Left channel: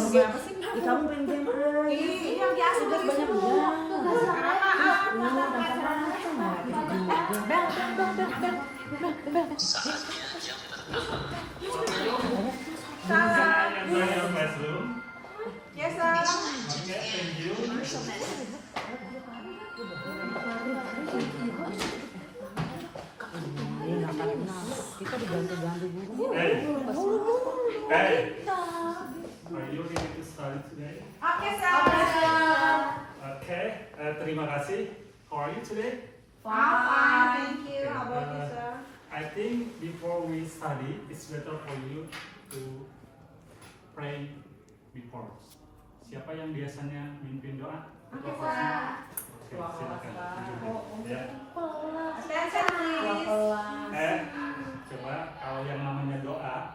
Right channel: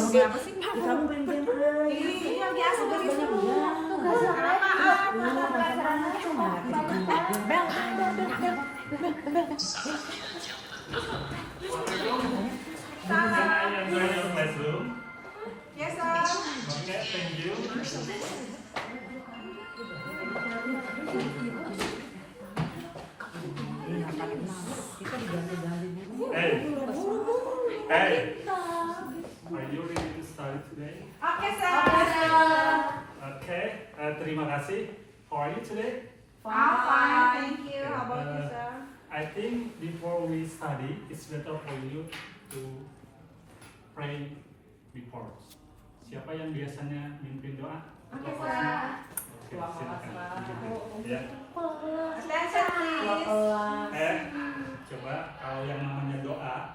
ngomongin apa sih? Kamu main game aja. Iya, biasa Udah banyak Can I enjoy your classroom? Yes, sir. Okay, thank you. Hey, hey, are you ready to start today? Oke, sir. Okay, terima kasih. How are you today? Fine, thank you. How about you, sir? I think before we study, it's better for you to pray before. Siapa yang biasanya mimpin doa? Oke, sir. Oke, silakan. Ya. Attention, please. Coba kalau yang namanya doa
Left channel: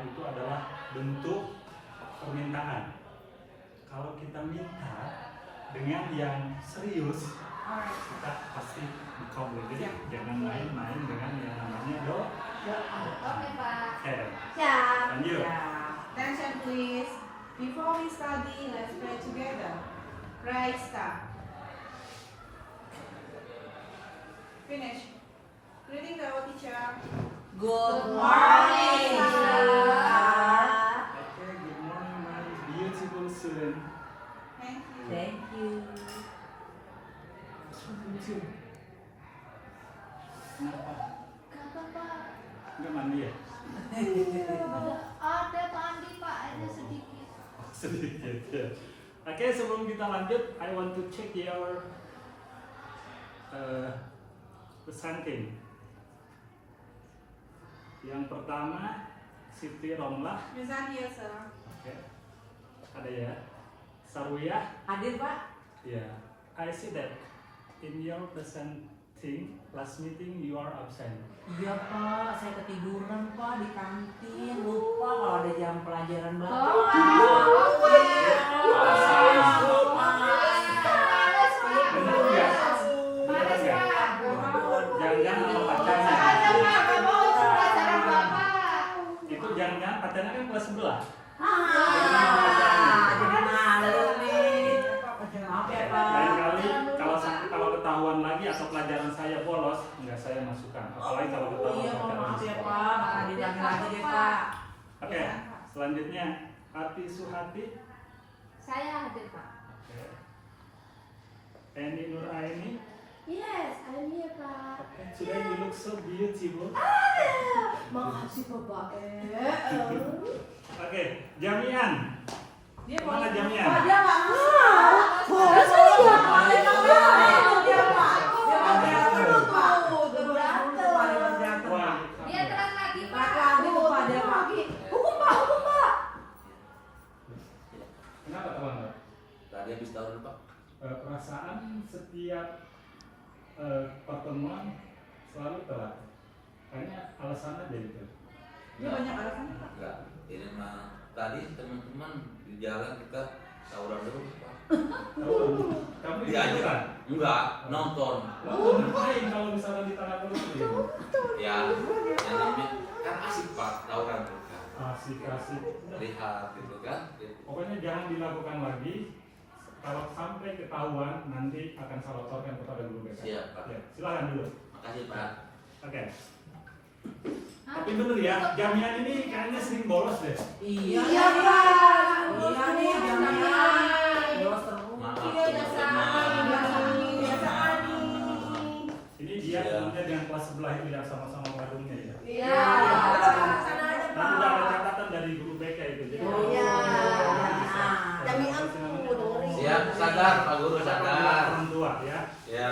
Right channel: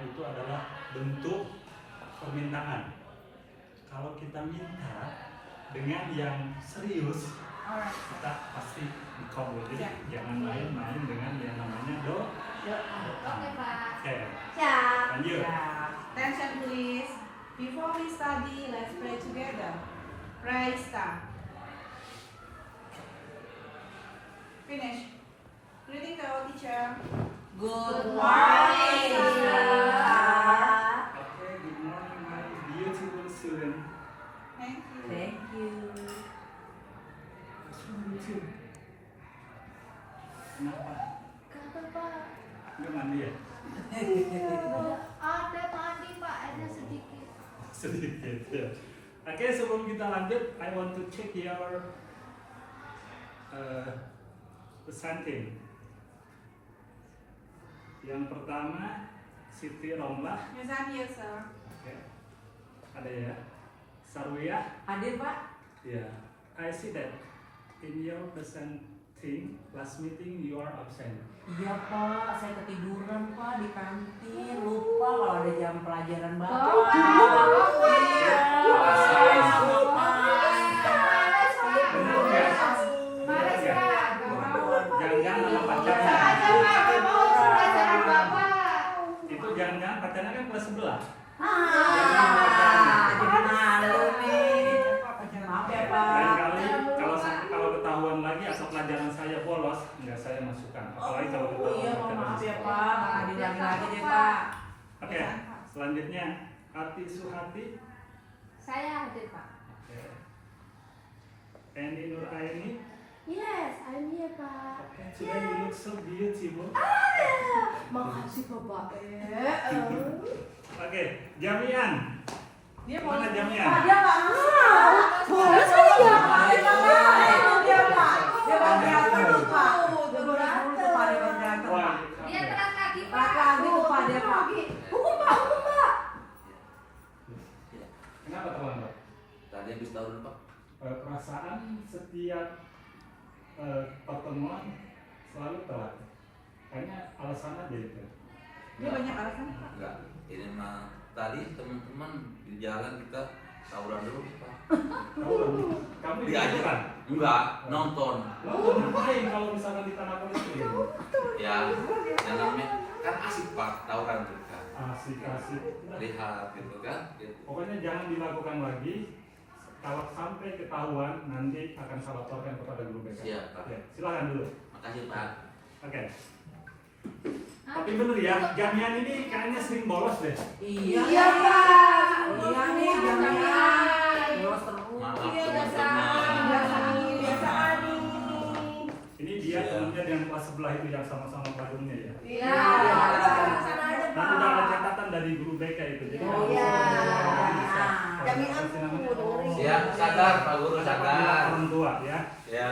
itu adalah bentuk permintaan. Kalau kita minta dengan yang serius, kita pasti dikabul. Jadi jangan main-main dengan yang namanya doa. Oke, Pak. Oke, Siap. lanjut. Attention, please. Before we study, let's pray together. Pray, start. Finish. Greeting to our teacher. Good morning, sir. Okay, good morning, my beautiful student. Thank you. Thank you. Kenapa? Kata Pak, Nggak mandi ya? ada mandi Pak, ada sedikit. Sedikit ya. Oke, sebelum kita lanjut, I want to check your presenting. Yang pertama, Siti Romlah. Present here, sir. Oke. Ada ya. Sarwiyah. Hadir Pak? Ya. I see that in your presenting last meeting you are absent. Iya Pak, saya ketiduran Pak di kantin. Lupa kalau ada jam pelajaran Bapak. Benar nggak? Males, Pak. Jangan-jangan sama pacarnya. Itu jangan-jangan pacarnya kan kelas sebelah. Malu nih. Maaf ya Pak. Lain kali kalau ketahuan lagi atau pelajaran saya bolos, nggak saya masukkan. Apalagi kalau ketahuan Iya Pak, pacaran maaf di ya sekolah. Pak. Makan dibilangin lagi deh Pak. Oke, selanjutnya Ati Suhati. Saya hadir Pak. Oke. Eni Nur Aini. Yes, I'm here Pak. Oke, today you look so beautiful. Makasih Bapak. Oke, Jamian. Dia Mana Jamian? Pak, dia nggak mau. Dia Pak. Dia bagian dulu Pak. Dia bagian Pak. Dia bagian Wah, Dia terang lagi Pak. Pak lagi tuh Pak dia Pak. Hukum Pak, hukum Pak. kenapa teman-teman? Tadi habis tahun Pak. Perasaan setiap pertemuan selalu telat. Kayaknya alasan aja gitu. Dia banyak alasan Pak. Enggak, ini mah tadi teman-teman di jalan kita tawuran dulu Pak. Kamu Diajak. diajukan? Enggak, nonton. Lalu ngapain kalau misalkan di tanah itu? Ya, yang namanya kan asik Pak, tawuran tuh kan. Asik-asik. Lihat gitu kan. Gitu. Pokoknya jangan dilakukan lagi. Kalau sampai ketahuan, nanti akan saya laporkan kepada guru BK. Siap, Pak. Ya, silakan dulu. Makasih Pak. Oke. Tapi bener ya, Jamian ini kayaknya sering bolos deh. Iya Pak. Iya nih, jangan bolos terus. Maaf Biasa teman-teman. Ini dia Iya. temennya dengan kelas sebelah itu yang sama-sama padungnya ya. Iya. Sana aja Nanti udah ada catatan dari guru BK itu. Jadi Oh, kalau iya. bisa. Jamian Siap, sadar Pak Guru, sadar. Orang tua ya. Ya.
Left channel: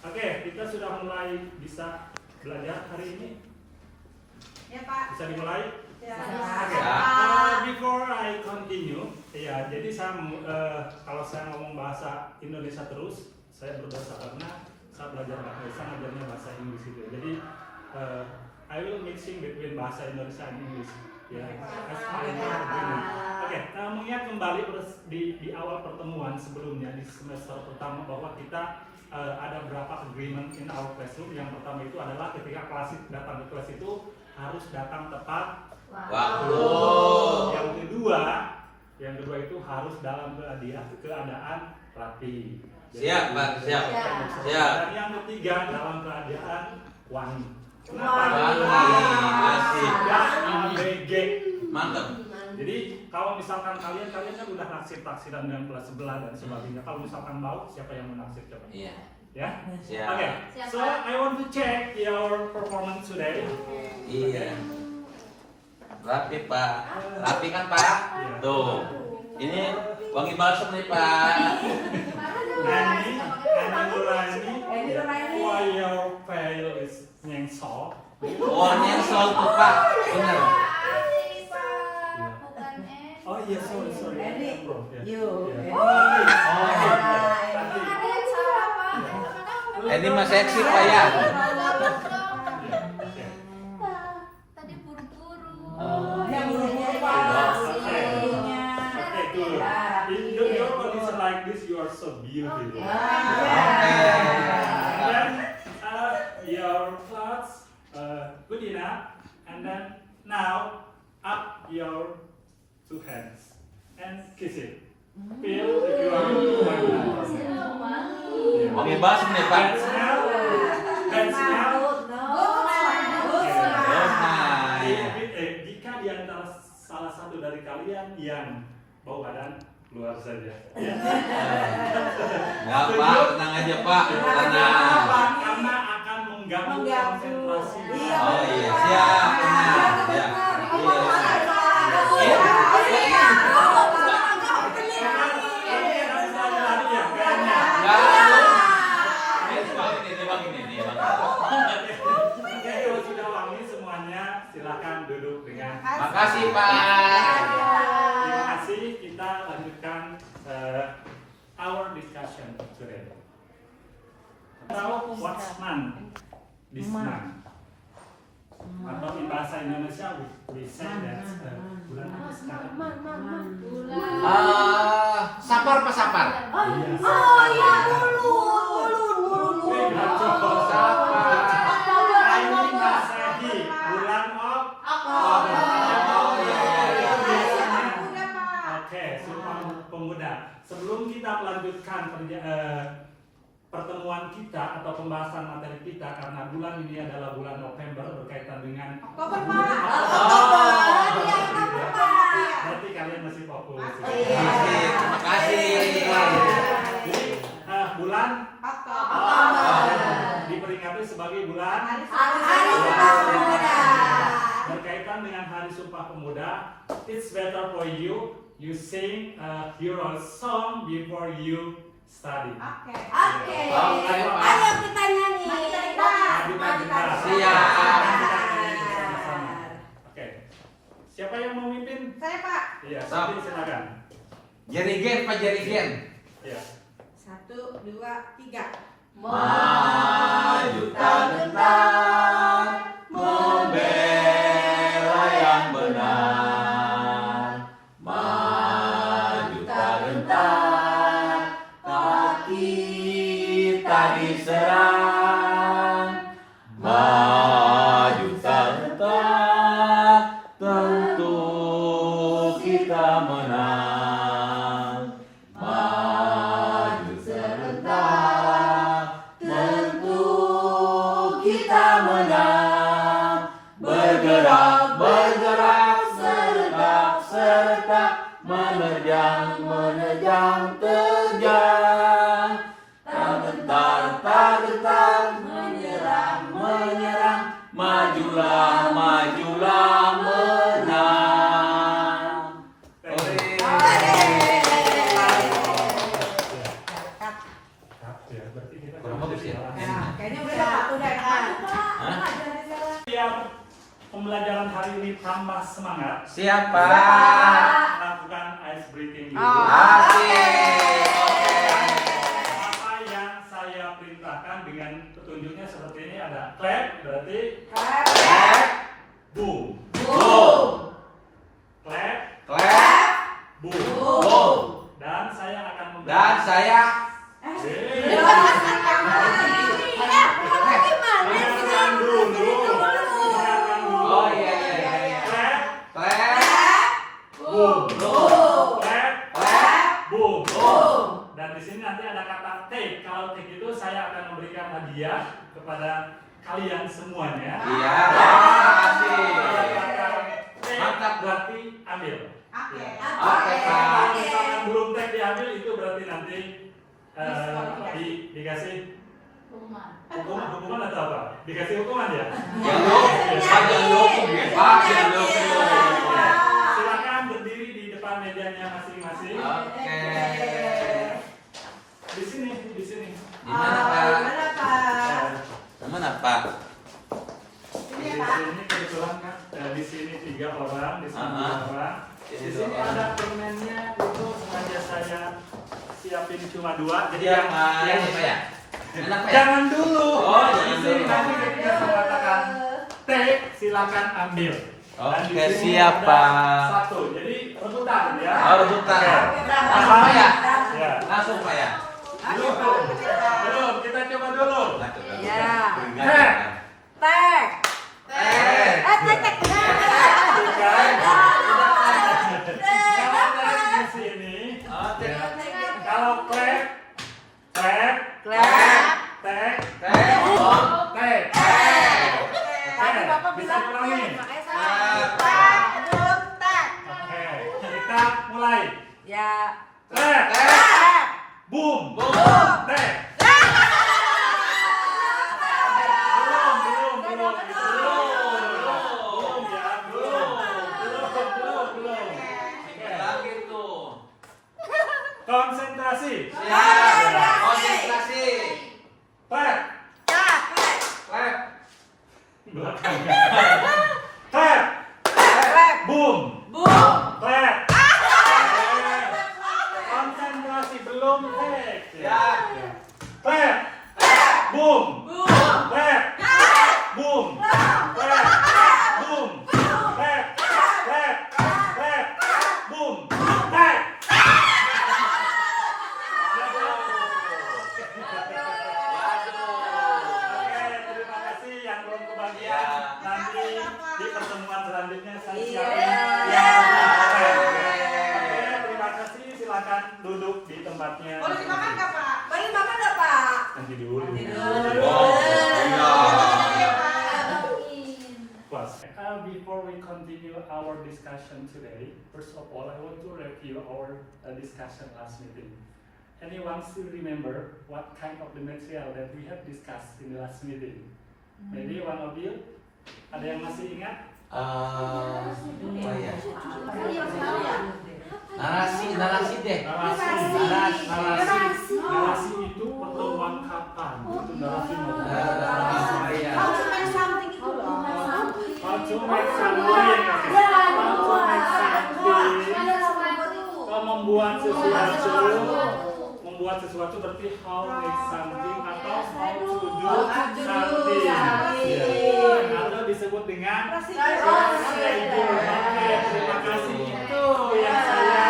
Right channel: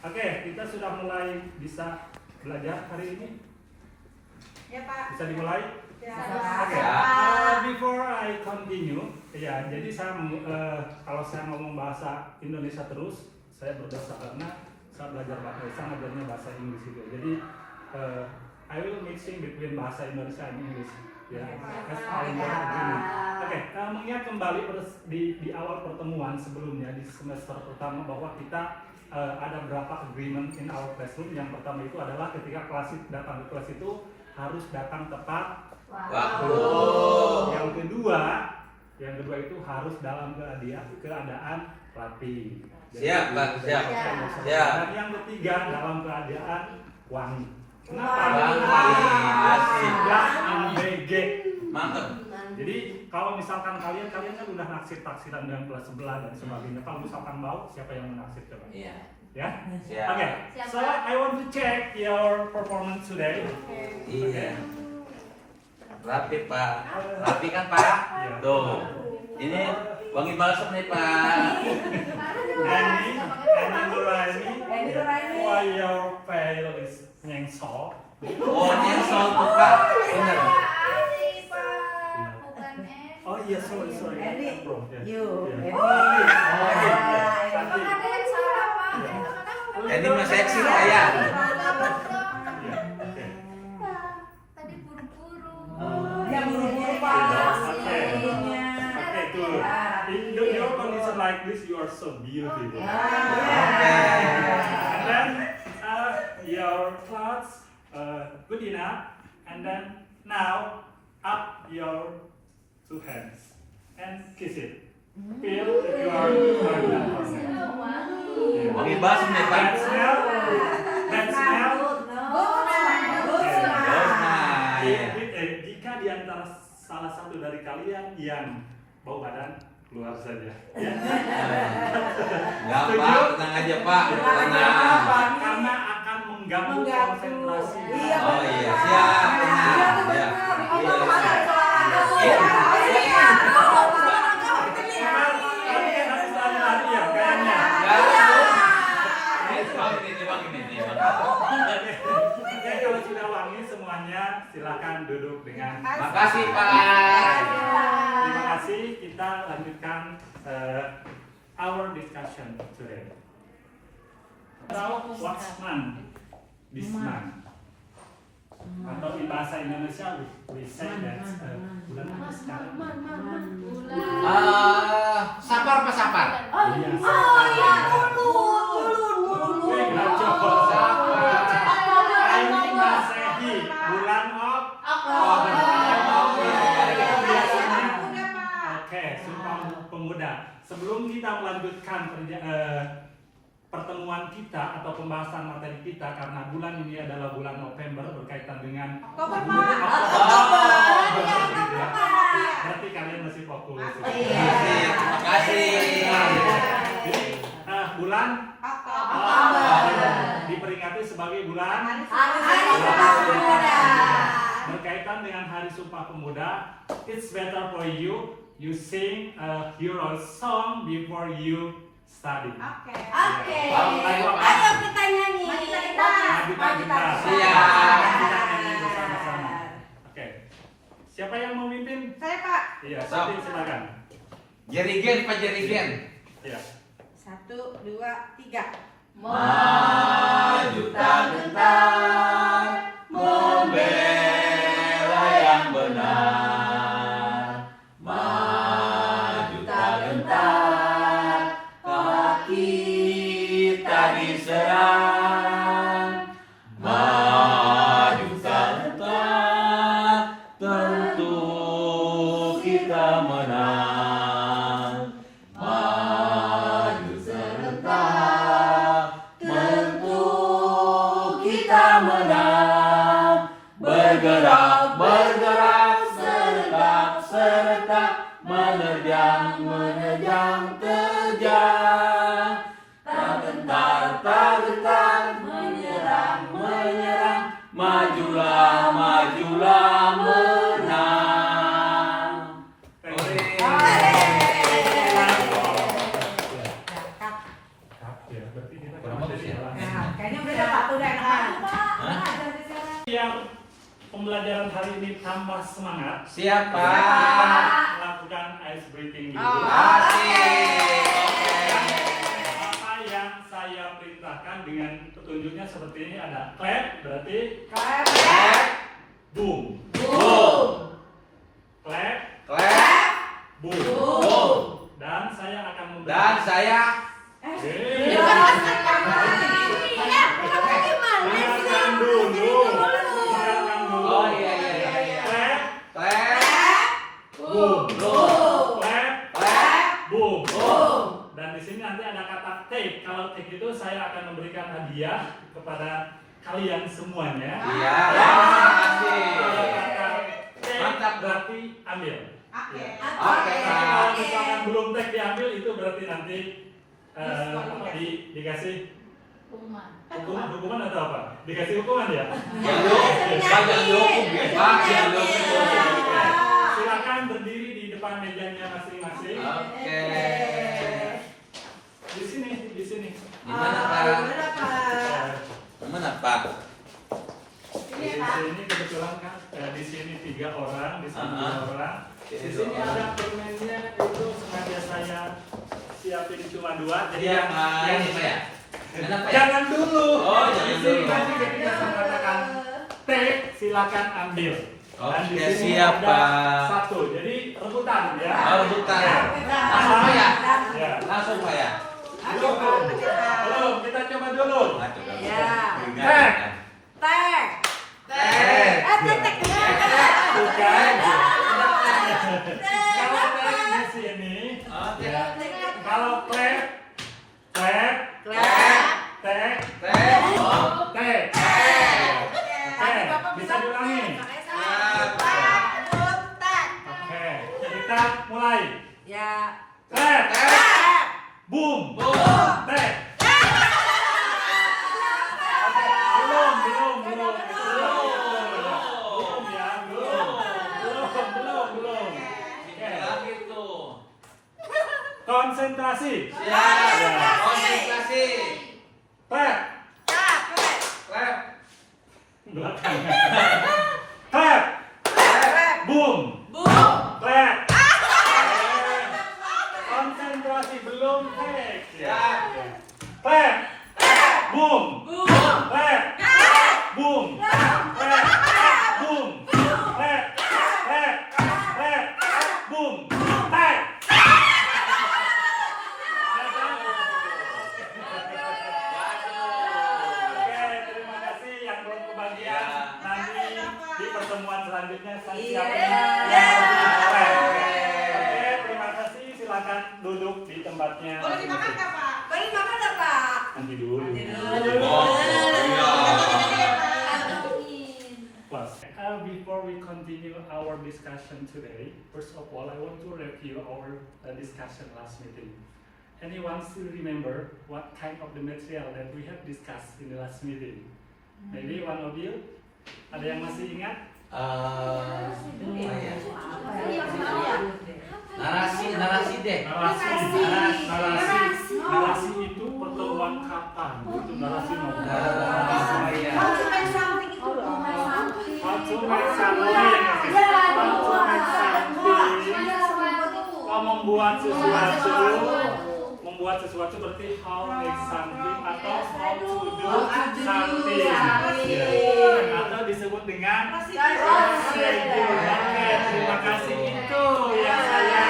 Oke, kita sudah mulai bisa belajar hari ini. Ya Pak. Bisa dimulai? Ya. Oke. Ya. Before I continue, ya jadi saya kalau saya ngomong bahasa Indonesia terus, saya berdosa karena saya belajar bahasa Indonesia, ngajarnya bahasa Inggris gitu. Jadi I will mixing between bahasa Indonesia and English. Ya, as I make agreement. Oke, mengingat kembali di awal pertemuan sebelumnya di semester pertama bahwa kita ada berapa agreement in our classroom. Yang pertama itu adalah ketika datang ke kelas itu harus datang tepat Waktu. Yang kedua, Yang kedua itu harus dalam keadaan rapi. Siap, Pak, siap. Siap. Dan yang ketiga dalam keadaan wangi. Wangi, asik. Tidak ABG. Mantap. Jadi kalau misalkan kalian kan udah naksir-taksiran dengan kelas sebelah dan sebagainya. Kalau misalkan mau, siapa yang menaksir coba? Iya. Ya? Siap. Oke. So I want to check your performance today. Iya. Rapi, Pak. Rapi kan, Pak? Tuh. Ini wangi balsam nih, Pak. Andy Nuraini, why your veil is nyengsol? Warnanya soal tuh, Pak. Bener. Oh iya, sorry. Andy, Bro, ya. you, Ya. Andy. Ini masih seksi, Pak ya. Oke. Tadi buru-buru. Ya buru-buru Pak. Buru-burunya. Okay, good. In your condition like this, you are so beautiful. And then your clothes good enough. And then now up your two hands and kiss it. Feel your partner. Wangi balsam nih, Pak. That smell. Jika di antara salah satu dari kalian yang bau badan, keluar saja. Ya. Nggak, Pak. Tenang aja, Pak. Tenang. Karena akan mengganggu konsentrasi. Oh iya, siap. Kalau sudah wangi semuanya, silakan duduk dengan. Makasih, Pak. Terima kasih. Kita lanjutkan our discussion today. Now, what's month? This month. Atau di bahasa Indonesia we say that bulan apa sekarang? Sapar, Pak, sapar. Bulan Oke, Sumpah Pemuda. Sebelum kita melanjutkan pertemuan kita atau pembahasan materi kita, karena bulan ini adalah bulan November berkaitan dengan berarti kalian masih fokus. Terima kasih. Jadi bulan diperingati sebagai bulan berkaitan dengan Hari Sumpah Pemuda. It's better for you sing a hero song before you study. Oke. Ayo kita nyanyi. Oke. Siapa yang memimpin? Saya Pak. Iya, Siti, silakan. Jerigen, Pak, jerigen. Iya. 1, 2, 3. Maju tak gentar, membela yang benar. Maju tak gentar, kaki tak diserang. Maju tak gentar, tentu kita menang. Maju serentak, tentu kita menang. Bergerak, bergerak, serentak, serentak, menerjang, menerjang, terjang. Tak gentar, tak gentar, menyerang, menyerang, majulah, majulah, menang. Ya, berarti kita Kurang bagus ya? Nah, kayaknya udah dapat tuh dah. Yang pembelajaran hari ini tambah semangat. Siap, Pak. Lakukan ice breathing dulu. Asik. Apa yang saya perintahkan dengan petunjuknya seperti ini, ada clap, berarti boom, Boom. clap, Clap. boom. Boom. Dan saya akan Dan memberikan. saya Ingatkan dulu. Ingatkan dulu. Oh iya iya iya. Clap, Clap. boom, Boom. clap, nanti ada kata take. Kalau take itu saya akan memberikan hadiah kepada kalian semuanya. Iya. Ada Makasih. kata take Mantap. berarti ambil. Oke. Ya. Oke. Kalau misalkan belum take diambil itu berarti nanti dikasih hukuman atau apa? Dikasih hukuman ya? Silakan berdiri di depan mejanya masing-masing. Oke. Di sini. Gimana Pak? Mana Pak? Di sini kebetulan kan di sini 3 orang, di sini 2 orang. Di sini ada permennya itu sengaja saya siapin cuma 2. Jadi yang jangan dulu. Oh, Di jangan sini dulu. nanti ketika saya katakan take, silakan ambil. Dan di Oke, sini siap, ada Pak. 1. Jadi rebutan ya. Oh, rebutan. Langsung Apa ya? Ya. Langsung Pak ya. Belum, kita coba dulu. Ya. Take. Tek. Tek. Kalau take di sini, kalau clap, take. Bisa diulangi. Oke, kita mulai. Ya. Clap, boom, take. Belum. Oke. Konsentrasi. Konsentrasi. Clap. Belakang. Clap. Boom. Clap. Konsentrasi belum take. Clap. Boom. Clap. Boom. Clap. Boom. Clap. Boom. Take. Oke, terima kasih yang belum kebagian. Nanti di pertemuan selanjutnya saya siapkan. Oke, terima kasih. Silakan duduk di tempatnya. Boleh dimakan nggak Pak? Boleh makan nggak, Pak? Nanti dulu. Oh, iya. Plus, before we continue our discussion today, first of all, I want to review our discussion last meeting. Anyone still remember what kind of the material that we have discussed in the last meeting? Maybe one of you? Ada yang masih ingat? Narasi deh. Narasi itu pertemuan kapan? Itu narasi mau. How to make something itu loh. How to make something. Kalau membuat sesuatu berarti how make something atau how to do something. Atau disebut dengan prosedur. Terima kasih, itu yang saya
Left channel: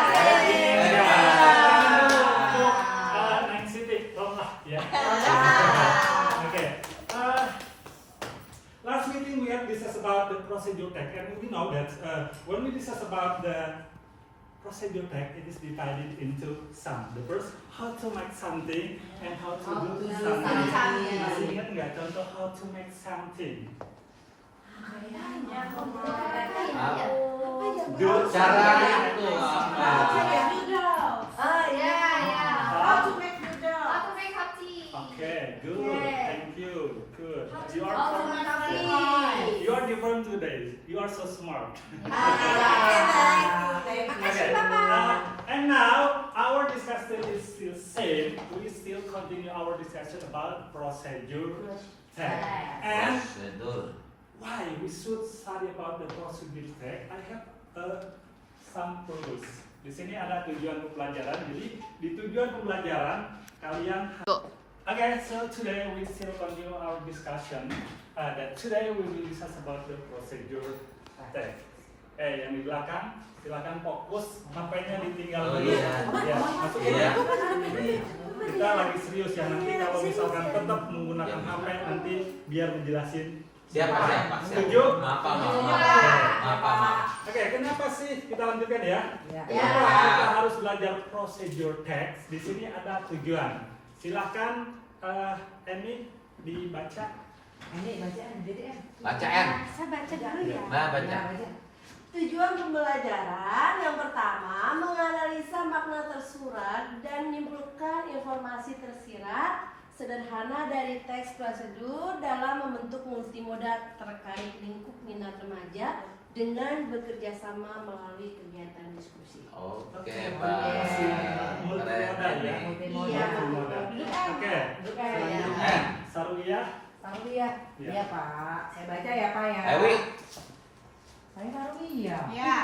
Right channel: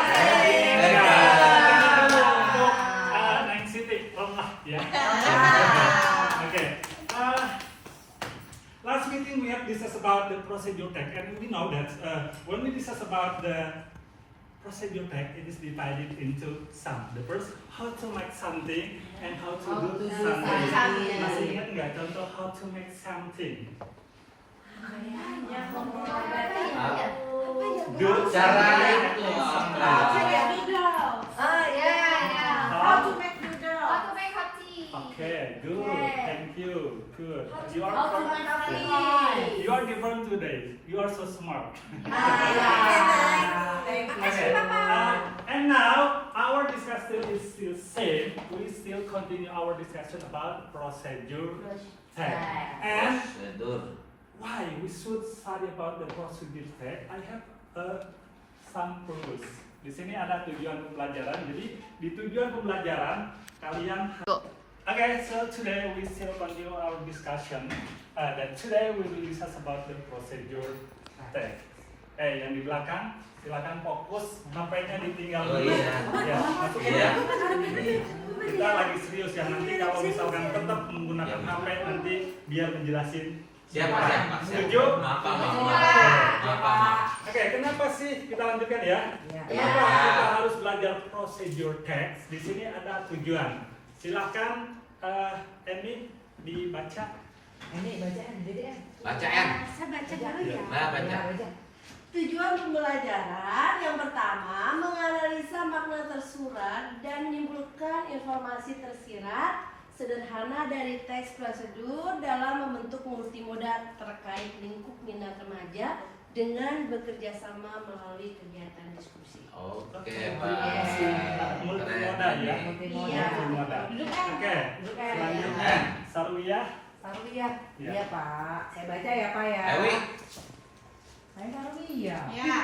inginkan untuk Neng Siti. Ya. Oke. Last meeting we have discussed about the procedure tag, and we know that when we discuss about the procedure tag, it is divided into some. The first, how to make something and how to do something. Masih ingat nggak contoh how to make something? Caranya itu How to make noodle. Okay, good. Thank you. Good. You How to are make something. you are different today. You are so smart. Makasih, Papa. And now our discussion is still same. We still continue our discussion about procedure tag. And prosedur. why we should study about the procedure tag? I have some purpose. Di sini ada tujuan pembelajaran. Jadi di tujuan pembelajaran kalian. Okay, so today we still continue our discussion. That today we will discuss about the procedure tag. Yang di belakang, silakan fokus, HP-nya ditinggal Oh, dulu. iya. Ya, masukin Iya. ya. Kita lagi serius ya, nanti kalau misalkan tetap menggunakan HP nanti biar menjelasin. Siapa? Setuju? Maaf. Oke, kenapa sih kita lanjutkan ya? Ya. Kenapa kita harus belajar belajar procedure text, di sini ada tujuan. Silahkan Emi dibaca. Ini bacaan jadi Bacaan. Saya baca dulu ya. Nah, baca. Tujuan pembelajaran yang pertama menganalisa makna tersurat dan menyimpulkan informasi tersirat sederhana dari teks prosedur dalam membentuk multimoda terkait lingkup minat remaja dengan bekerja sama melalui kegiatan diskusi. Oke, Terima kasih. Multimoda ya. multimoda. Iya. Multimoda. Oke. Selanjutnya Sarwiyah. Sarwiyah. Iya. Iya Pak. Saya baca ya Pak ya. Ewi. Saya Sarwiyah. Ya.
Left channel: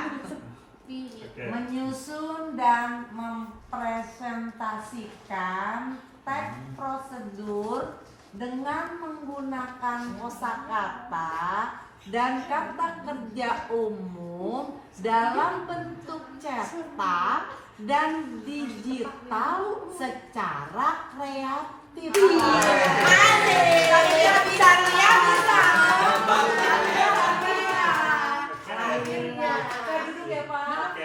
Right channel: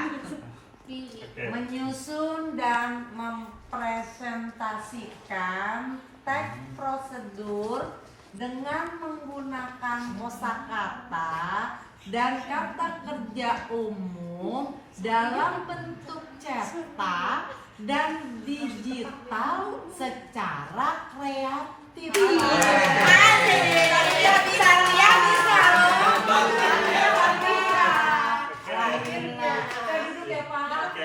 Oke. Menyusun dan mempresentasikan teks prosedur dengan menggunakan kosakata dan kata kerja umum dalam bentuk cetak dan digital secara kreatif. Saya duduk ya Pak. Oke.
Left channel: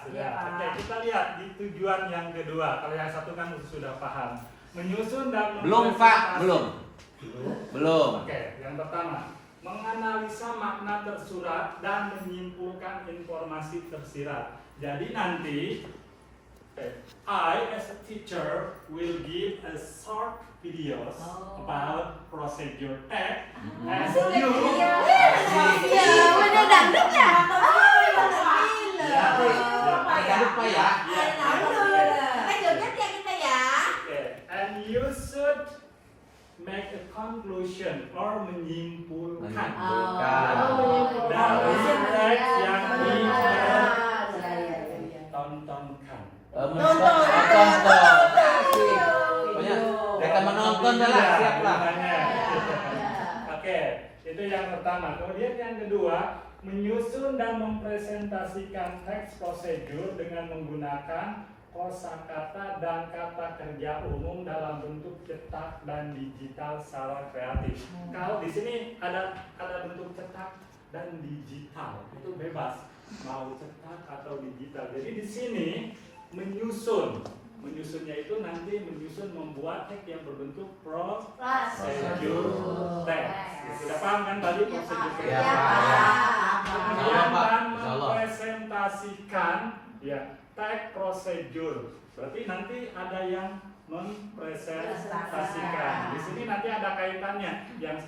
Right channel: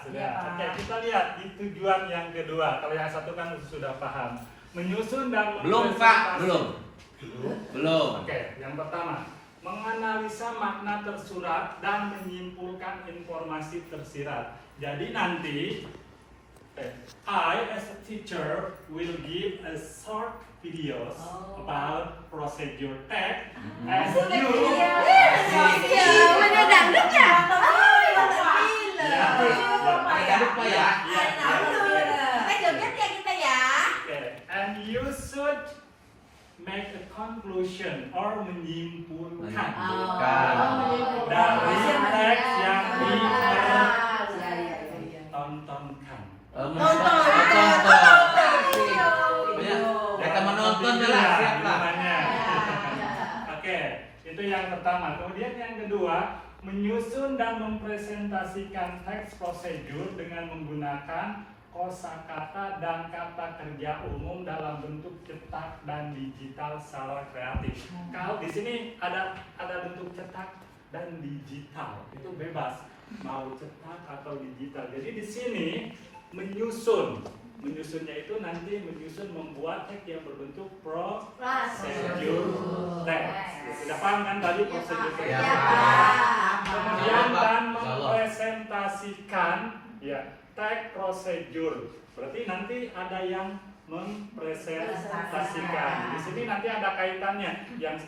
Sudah. Oke, kita lihat di tujuan yang kedua. Kalau yang satu kan sudah paham. Menyusun dan Belum, Pak. mempresentasi- Belum. Oke, yang pertama, menganalisa makna tersurat dan menyimpulkan informasi tersirat. Jadi nanti I as a teacher will give a short videos about procedure text and you Jangan lupa ya. Okay, and you should make a conclusion or menyimpulkan dari teks yang ditontonkan. Mereka menonton lah, siap lah. Oke, itu yang pertama. Kemudian yang kedua, menyusun dan mempresentasikan teks prosedur dengan menggunakan kosakata dan kata kerja umum dalam bentuk cetak dan digital secara kreatif. Kalau di sini ada bentuk cetak dan digital, itu bebas mau cetak atau digital. Jadi di sini menyusunnya itu nanti membuat teks yang berbentuk prosedur teks. Sudah paham kan tadi prosedur teks? Ya. Kemudian Pak. dan Insya Allah. mempresentasikan ya teks prosedur. Berarti nanti ada yang mempresentasikan. Di sini nanti ada kaitannya yang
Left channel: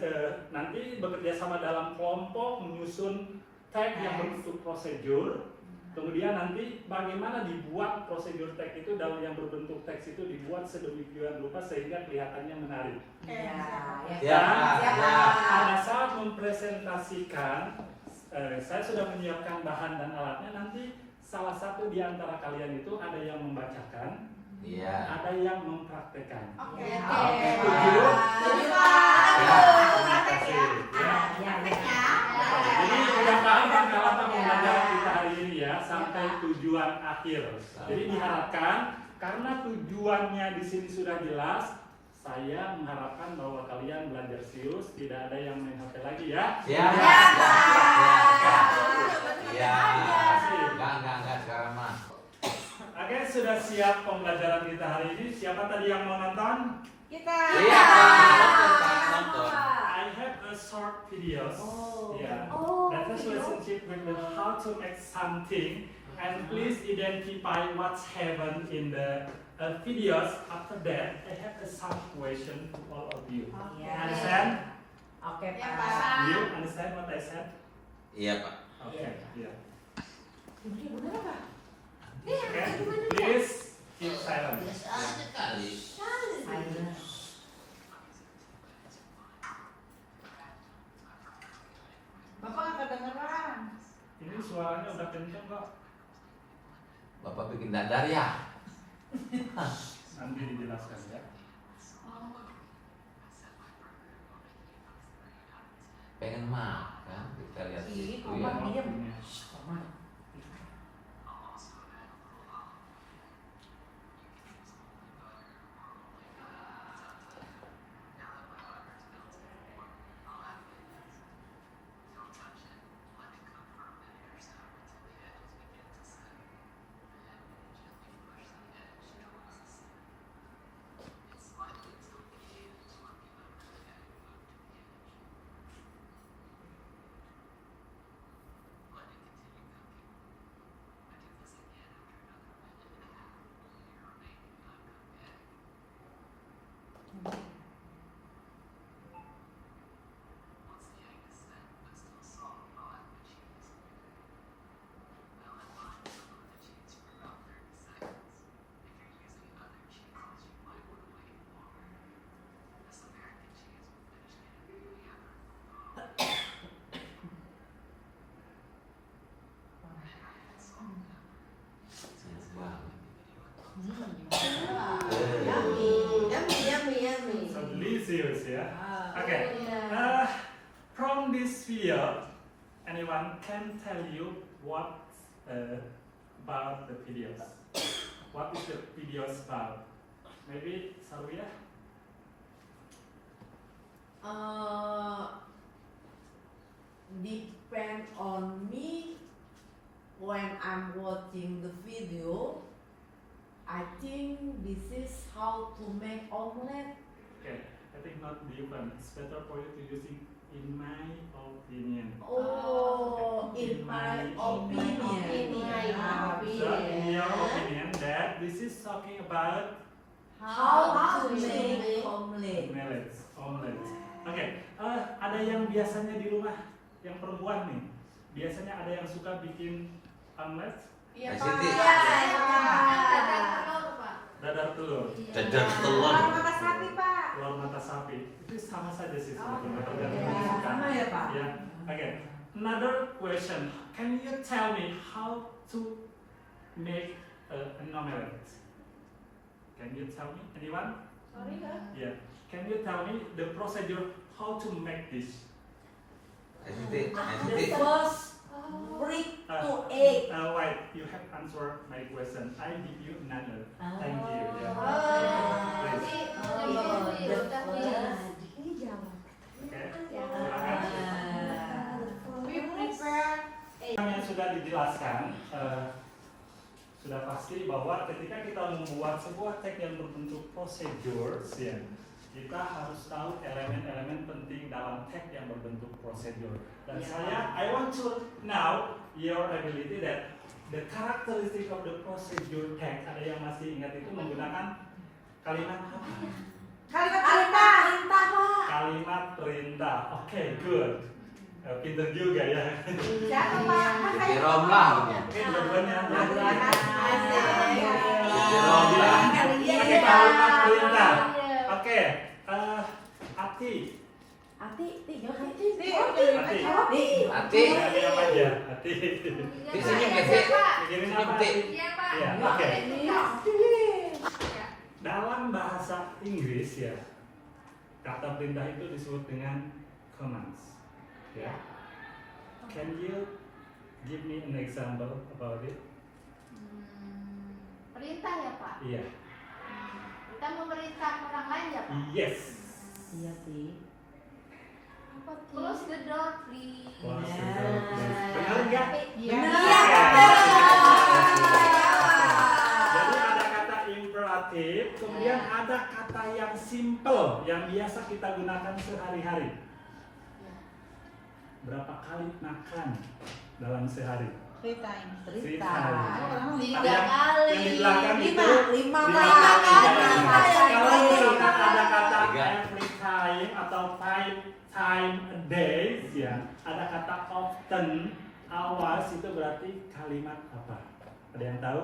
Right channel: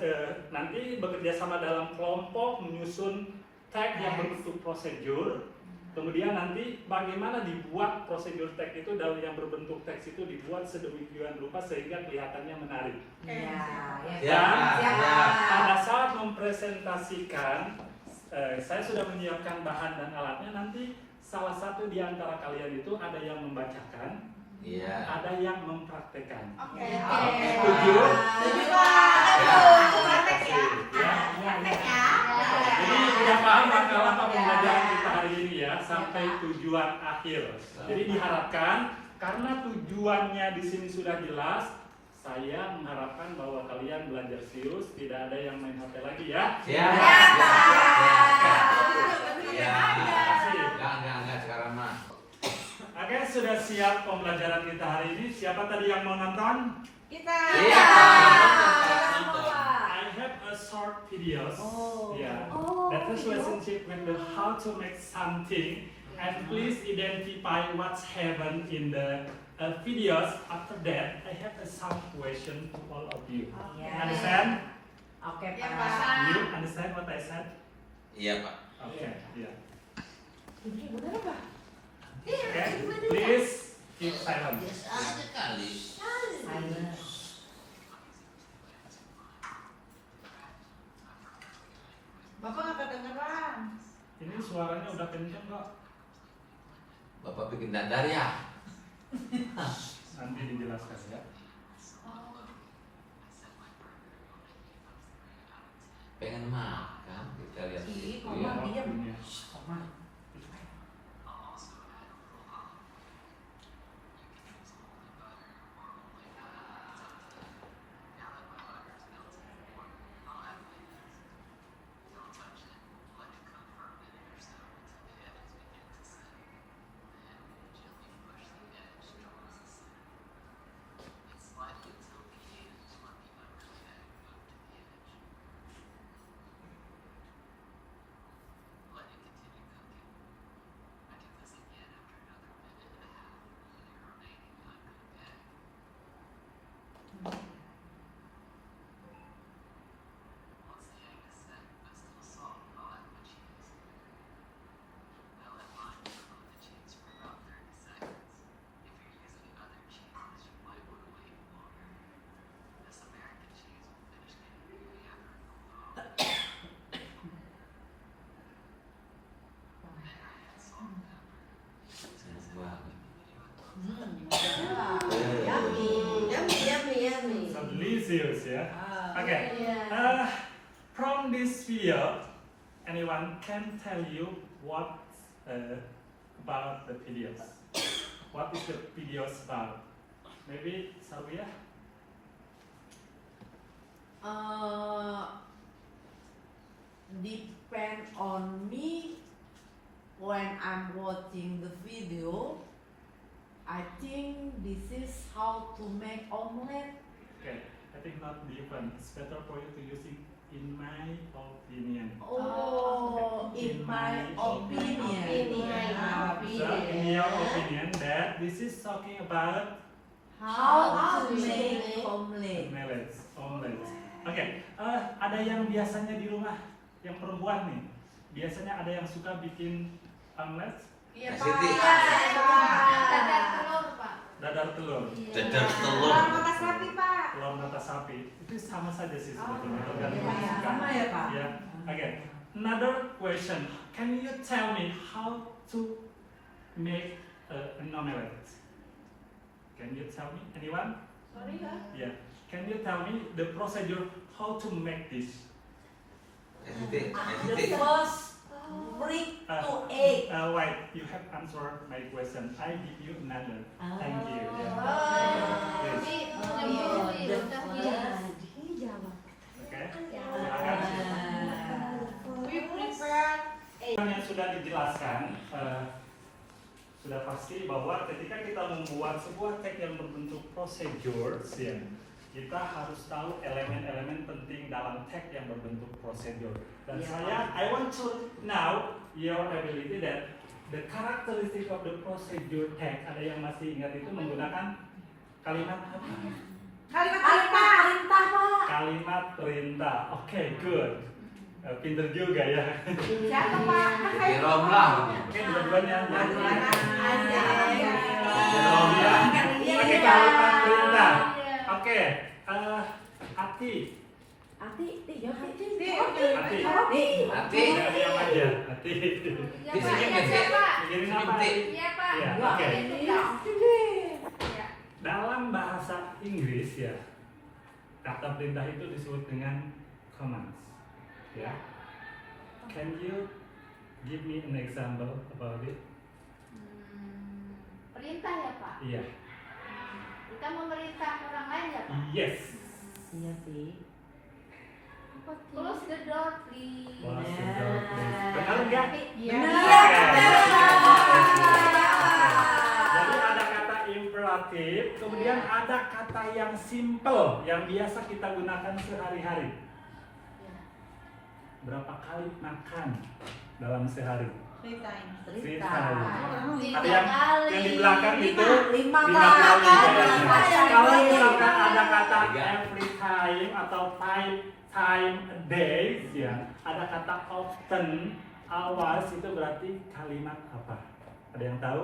nanti bekerja sama dalam kelompok menyusun teks yang berbentuk prosedur. Kemudian nanti bagaimana dibuat prosedur teks itu dalam yang berbentuk teks itu dibuat sedemikian rupa sehingga kelihatannya menarik. Dan pada saat mempresentasikan, saya sudah menyiapkan bahan dan alatnya. Nanti salah satu di antara kalian itu ada yang membacakan, Iya. ada yang mempraktekkan. Oke. Setuju? Jadi sudah paham kan kalau apa pembelajaran kita hari ini ya sampai tujuan akhir. Jadi diharapkan karena tujuannya di sini sudah jelas, saya mengharapkan bahwa kalian belajar serius, tidak ada yang main HP lagi ya. Siap. Ya. Enggak sekarang mah. Oke, sudah siap pembelajaran kita hari ini. Siapa tadi yang mau nonton? Kita. Iya. I have a short videos. Yeah. That is relationship with the how to make something, and please identify what's happened in the videos. After that, I have some question to all of you. Understand? Oke Ya, Pak. Pak. You understand what I said? Iya, Pak. Okay. Yeah. Bener apa? Okay. Please keep silent. Biasa kali. Bapak nggak kedengeran. Ini suaranya udah kenceng kok. Bapak bikin dadar ya? Nanti dijelaskan ya. Pengen makan, kita lihat Ih, itu Komar ya. diam. Ini. Komar. Okay. Iya. From this video, anyone can tell you what about the videos? What is the videos about? Maybe Sarwia? Depend on me when I'm watching the video. I think this is how to make omelette. Okay, I think not different. It's better for you to use it in my opinion. Oh, in my opinion. So, in your opinion, that this is talking about How to make omelette. omelette. Oke, ada yang biasanya di rumah, yang perempuan nih, biasanya ada yang suka bikin omelette, Iya, Pak. Pak. Iya, dadar telur, Dadar telur. Mata sapi, Pak. telur mata sapi. Itu sama saja sih Oh, sebetulnya, iya. tergantung Iya, yang suka. sama ya, Pak? Ya, oke. Another question, can you tell me how to make an omelette? Can you tell me, anyone? Sorry ya. Yeah. Can you tell me the procedure how to make this? Hesitate, The hesitate. first brick to egg. Wait, you have answered my question. I give you another. Thank you. Yeah. Please. Okay. Silakan. We prepare Yang sudah dijelaskan, sudah pasti bahwa ketika kita membuat sebuah tag yang berbentuk procedures, ya, kita harus tahu elemen-elemen penting dalam tag yang berbentuk prosedur. Dan Ya, I want to know your ability that the characteristic of the procedure tag. Ada yang masih ingat itu menggunakan kalimat apa? kalimat Perintah, Pak. Kalimat perintah. Oke, good. Pinter juga ya. Siapa, Pak? Kan saya Jerome lah. Oke, dua-duanya. Jerome lah. Oke, kalimat perintah. Oke, Ati. Ati, jangan Ati. Ati. Ati. Ya, diam aja. Ati. Di sini biasanya. Mikirin apa, Ati? Iya, oke. Iya. Dalam bahasa Inggris ya, kata perintah itu disebut dengan commands. Ya. Can you give me an example about it? Perintah ya Pak? Iya. Kita memerintah orang lain ya Pak? Yes. Iya sih. Close the door please. Close the Ya. door, please. Benar nggak? Jadi ada kata imperatif, kemudian ada kata yang simple yang biasa kita gunakan sehari-hari. Berapa kali makan dalam sehari? Free time. Free Cerita. time. Tiga Ada yang di belakang itu Lima lima kali. kali. Kalau misalkan ada kata Tiga. every time atau 5 time a day, ya, ada kata often, always, itu berarti kalimat apa? Ada yang tahu?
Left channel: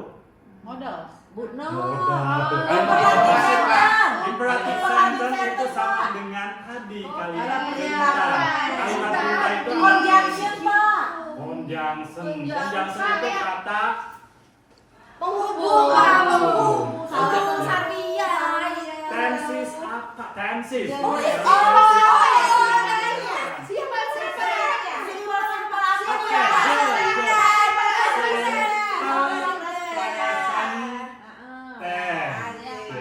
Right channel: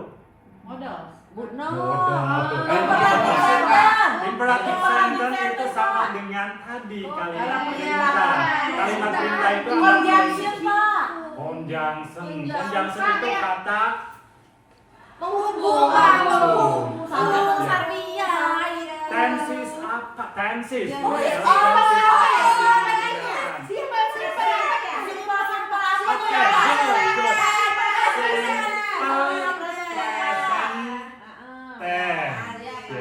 Modal. No. Imperatif sentence itu sama dengan tadi kalimat perintah. Kalimat perintah itu Conjunction, Pak. Conjunction. Conjunction itu kata Penghubung. Penghubung. Sardia. tenses apa? Tenses. Oh, iya. Siapa?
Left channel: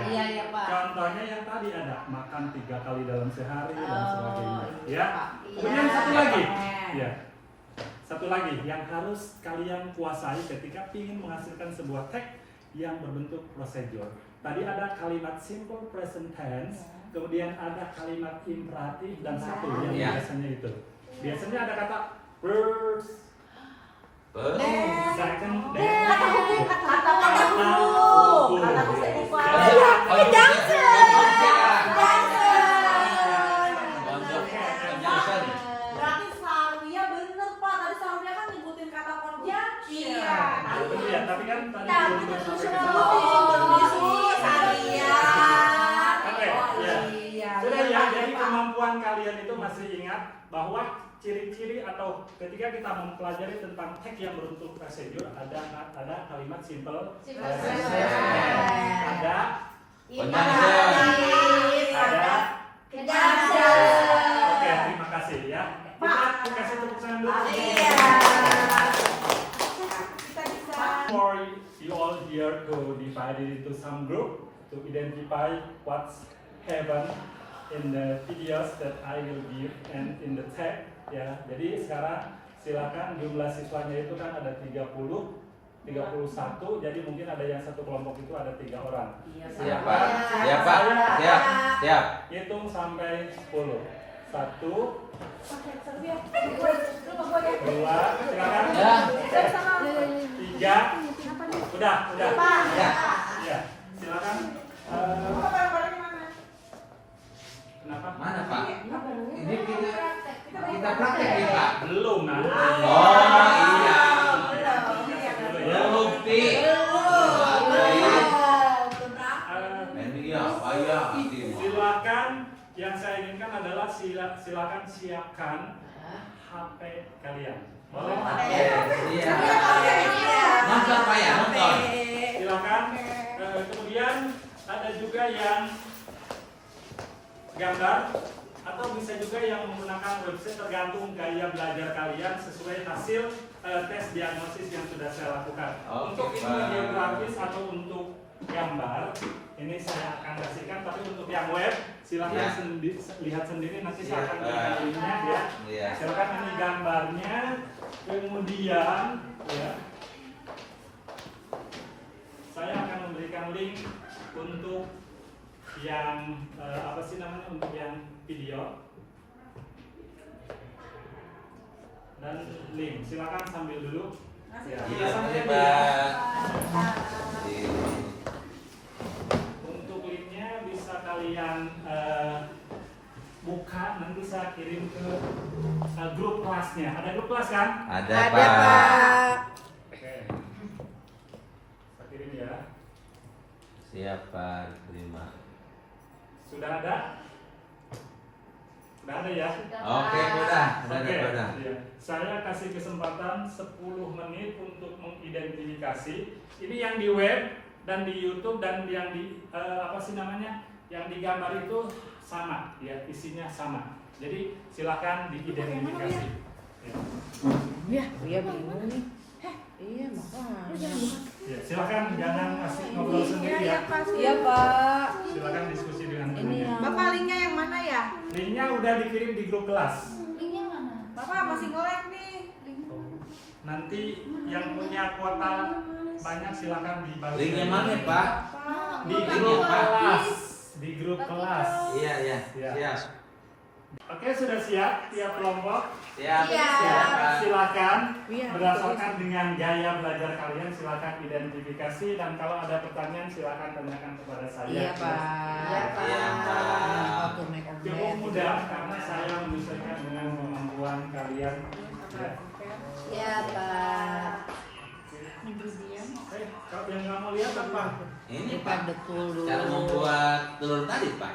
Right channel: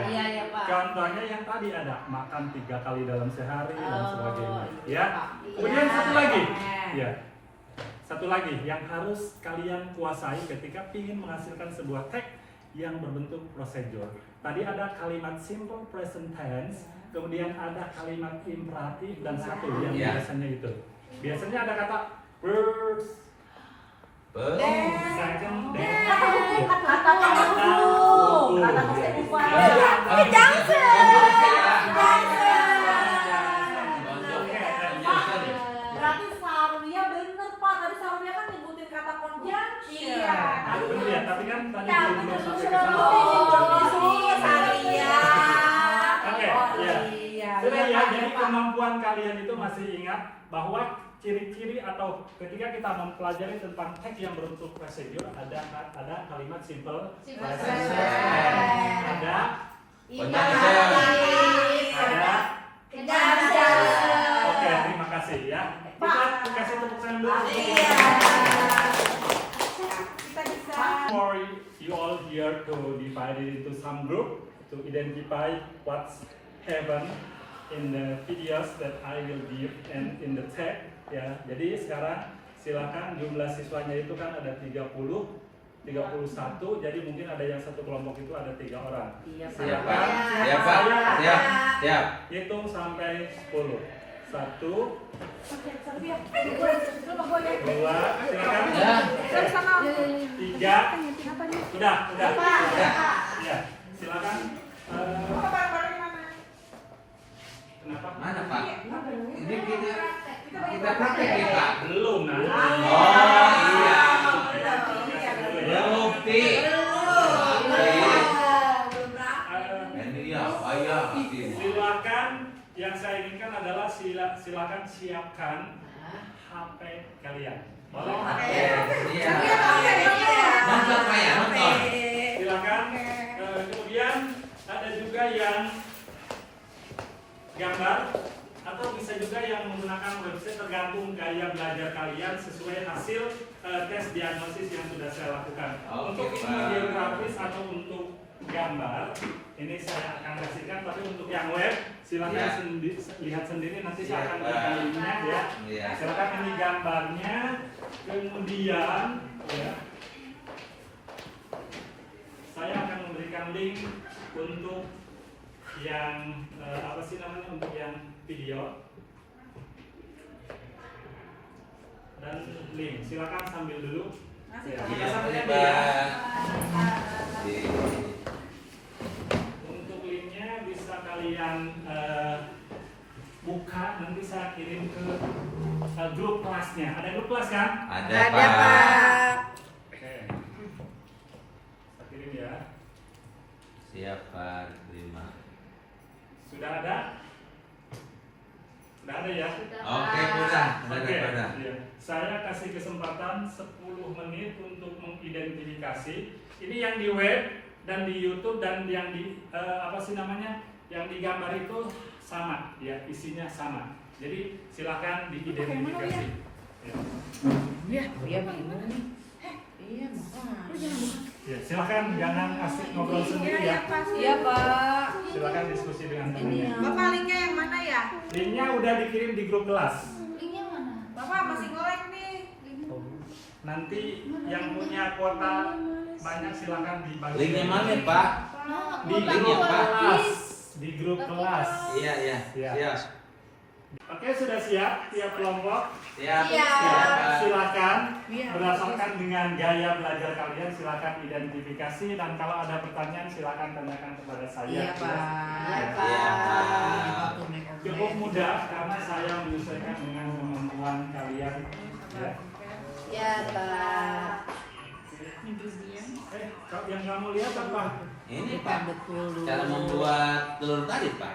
Iya, iya, Pak. Contohnya yang tadi ada makan 3 kali dalam sehari dan sebagainya. iya, Ya. Pak. Kemudian satu lagi. Ya. Satu lagi yang harus kalian kuasai ketika ingin menghasilkan sebuah tag yang berbentuk prosedur. Tadi ada kalimat simple present tense, kemudian ada kalimat imperatif dan satu yang Ya. biasanya itu. Biasanya ada kata first, second, then Kata hukum. Kata Berarti Sarwia bener, Pak. Tadi Sarwia kan nyebutin kata conjunction. Iya. bener ya, tapi kan tadi Nah, belum betul, sampai ke betul. sana. Sarwia. Oke, Oh, ya. iya. Sudah Iya, ya, Pak. jadi kemampuan kalian itu masih ingat bahwa ciri-ciri atau ketika kita mempelajari tentang tag yang berbentuk prosedur ada kalimat simple, Simple present present. tense, ada Conjunction. ada Conjunction. keren dulu. Iya. Kita bisa. For you all here to divide it into some group to identify what's happen in the videos that I will give and in the tag ya. Jadi sekarang silakan jumlah siswanya itu kan ada 31, jadi mungkin ada yang satu kelompok itu ada 3 orang. Iya, Pak. Siap, Pak. Siap, Pak. Siap. Siap. Hitung sampai 10. 1, 2, silakan. Ya. 3, udah. Ya, silakan. Kenapa? Mana, Pak? Ini kita praktek nih, Pak. Belum nah. Oh, iya. Belum, Pi. Dan ini apa ya? Silakan, yang saya inginkan adalah silakan siapkan HP kalian. Boleh? Oke. Iya. Nonton, Pak ya, nonton. Silakan. Kemudian ada juga yang gambar atau bisa juga yang menggunakan website, tergantung gaya belajar kalian sesuai hasil tes diagnosis yang sudah saya lakukan. Oke, Untuk ini Pak. video grafis atau untuk gambar ini saya akan kasihkan, tapi untuk yang web silakan Ya. lihat sendiri, nanti Siap, saya akan Pak. berikan linknya ya. Iya. Silakan, ini gambarnya, kemudian ya saya akan memberikan link untuk yang apa sih namanya, untuk yang video dan link. Silakan sambil dulu. Ya, kita Iya, sambil Pak. dulu ya. Iya. Untuk linknya bisa kalian buka, nanti saya kirim ke grup kelasnya. Ada grup kelas kan? Ada, Ada, Pak. Pak. Oke. Saya kirim ya. Siap, Pak. Terima. Sudah ada? Sudah ada ya? Oke, udah. Oke, Udah. ya. Saya kasih kesempatan 10 menit untuk mengidentifikasi. Ini yang di web dan di YouTube dan yang di apa sih namanya? Yang di gambar itu sama, ya, isinya sama. Jadi silakan diidentifikasi. Ya. Ya, silakan jangan asik ngobrol sendiri ya. Iya, Pak. Silakan diskusi dengan gurunya. Bapak linknya yang mana ya? Linknya udah dikirim di grup kelas. Linknya mana? Bapak masih ngorek nih. Nanti yang punya kuota banyak silakan dibagi. Linknya mana, Pak? Di Linknya, grup Pak. kelas. Di grup kelas. Iya, iya. Iya. Siap. Oke, sudah siap tiap kelompok? Siap. Iya. Siap, Pak. Silakan berdasarkan dengan gaya belajar kalian silakan identifikasi, dan kalau ada pertanyaan silakan tanyakan kepada saya. Iya, Pak. Iya, Pak. Cukup mudah karena saya menyesuaikan dengan kemampuan kalian. Ya. Ya, Pak. Kalau yang kamu lihat apa? Ini, Ini, Pak. Pak, betul. Cara membuat telur tadi, Pak.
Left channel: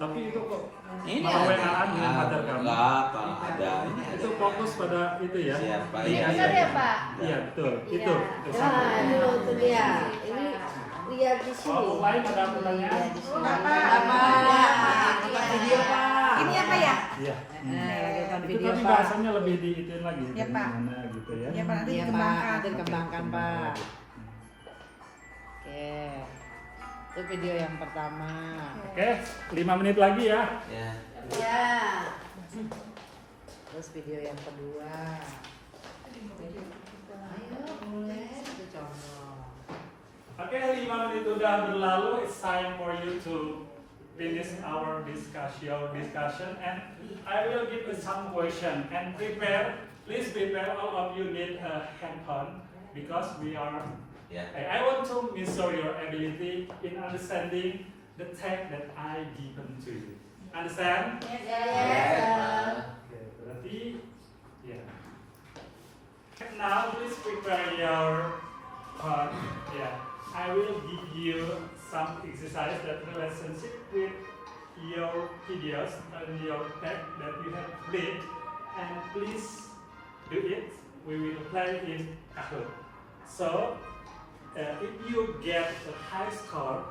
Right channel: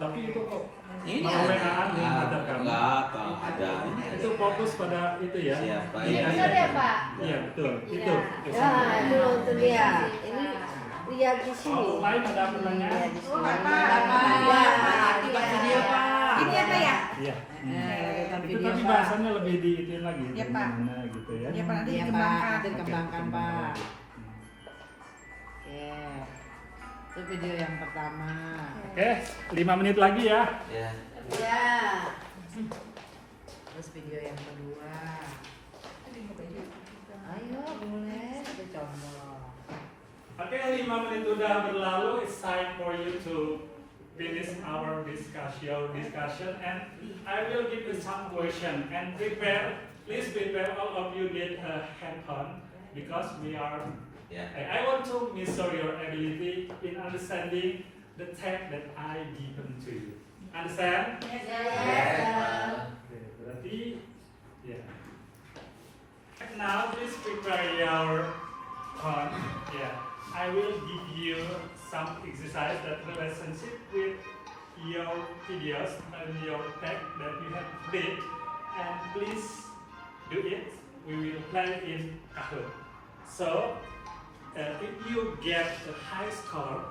Tapi itu kok Ini mau WA-an dengan pacar kamu? Enggak, kalau ada. Ini Itu fokus pada itu ya. Siap, Pak. Ini benar ya, Pak? Iya betul. Iya. Itu. Nah, itu dia. Ini lihat di Kalau sini. lain ada pertanyaan? Nonton video, Pak. Ini apa ya? Iya. Nonton Itu video, tadi Pak. bahasanya lebih diitin lagi. Iya, Pak. Gimana gitu ya. Iya, Pak. Nanti Iya, Pak. dikembangkan. Nanti dikembangkan, Oke, Pak. lagi. Oke. Itu video yang pertama. Oke, 5 menit lagi ya. Ya. Ya. Terus video yang kedua. Ayo, mulai. Itu contoh. Oke, 5 menit udah berlalu. It's time for you to finish our discussion, and I will give you some question and prepare. Please prepare, all of you need a hand-on because we are. Ya. I want to measure your ability in understanding the text that I given to you. Understand? Okay, berarti ya. Now please prepare your phone. Yeah, I will give you some exercise that relationship with your videos and your text that you have did, and please do it. We will play in Kahoot. So, if you get a high score,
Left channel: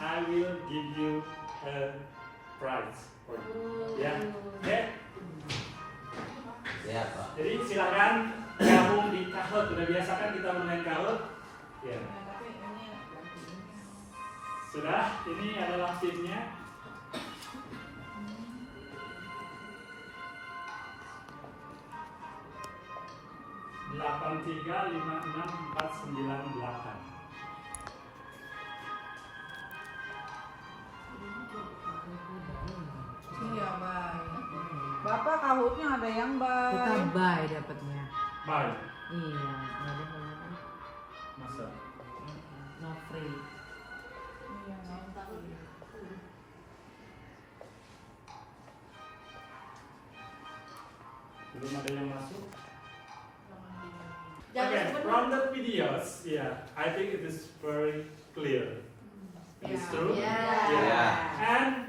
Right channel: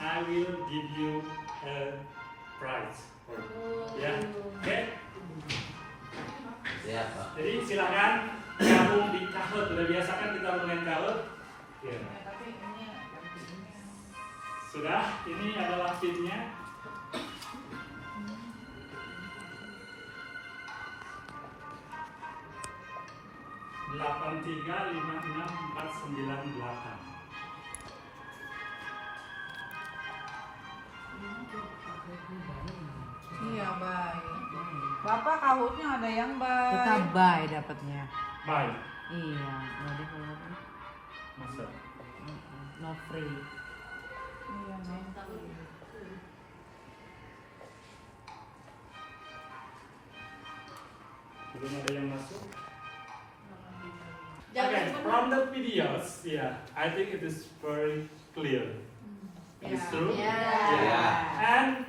I will give you a prize. Yeah, okay. Sehat, Pak. Jadi silakan gabung di Kahoot. Sudah biasa kan kita bermain Kahoot? Ya. Tapi ini ganti ini. Sudah, ini adalah pinnya. Delapan tiga lima enam empat sembilan delapan. Iya baik. Bapak Kahootnya ada yang baik. Kita buy dapatnya. Baik, Iya, nggak ada apa-apa. masa. No free. Iya, mental. Belum ada yang masuk. Jangan Okay, lupa- from the videos, yeah, I think it is very clear. It is true. Yeah. And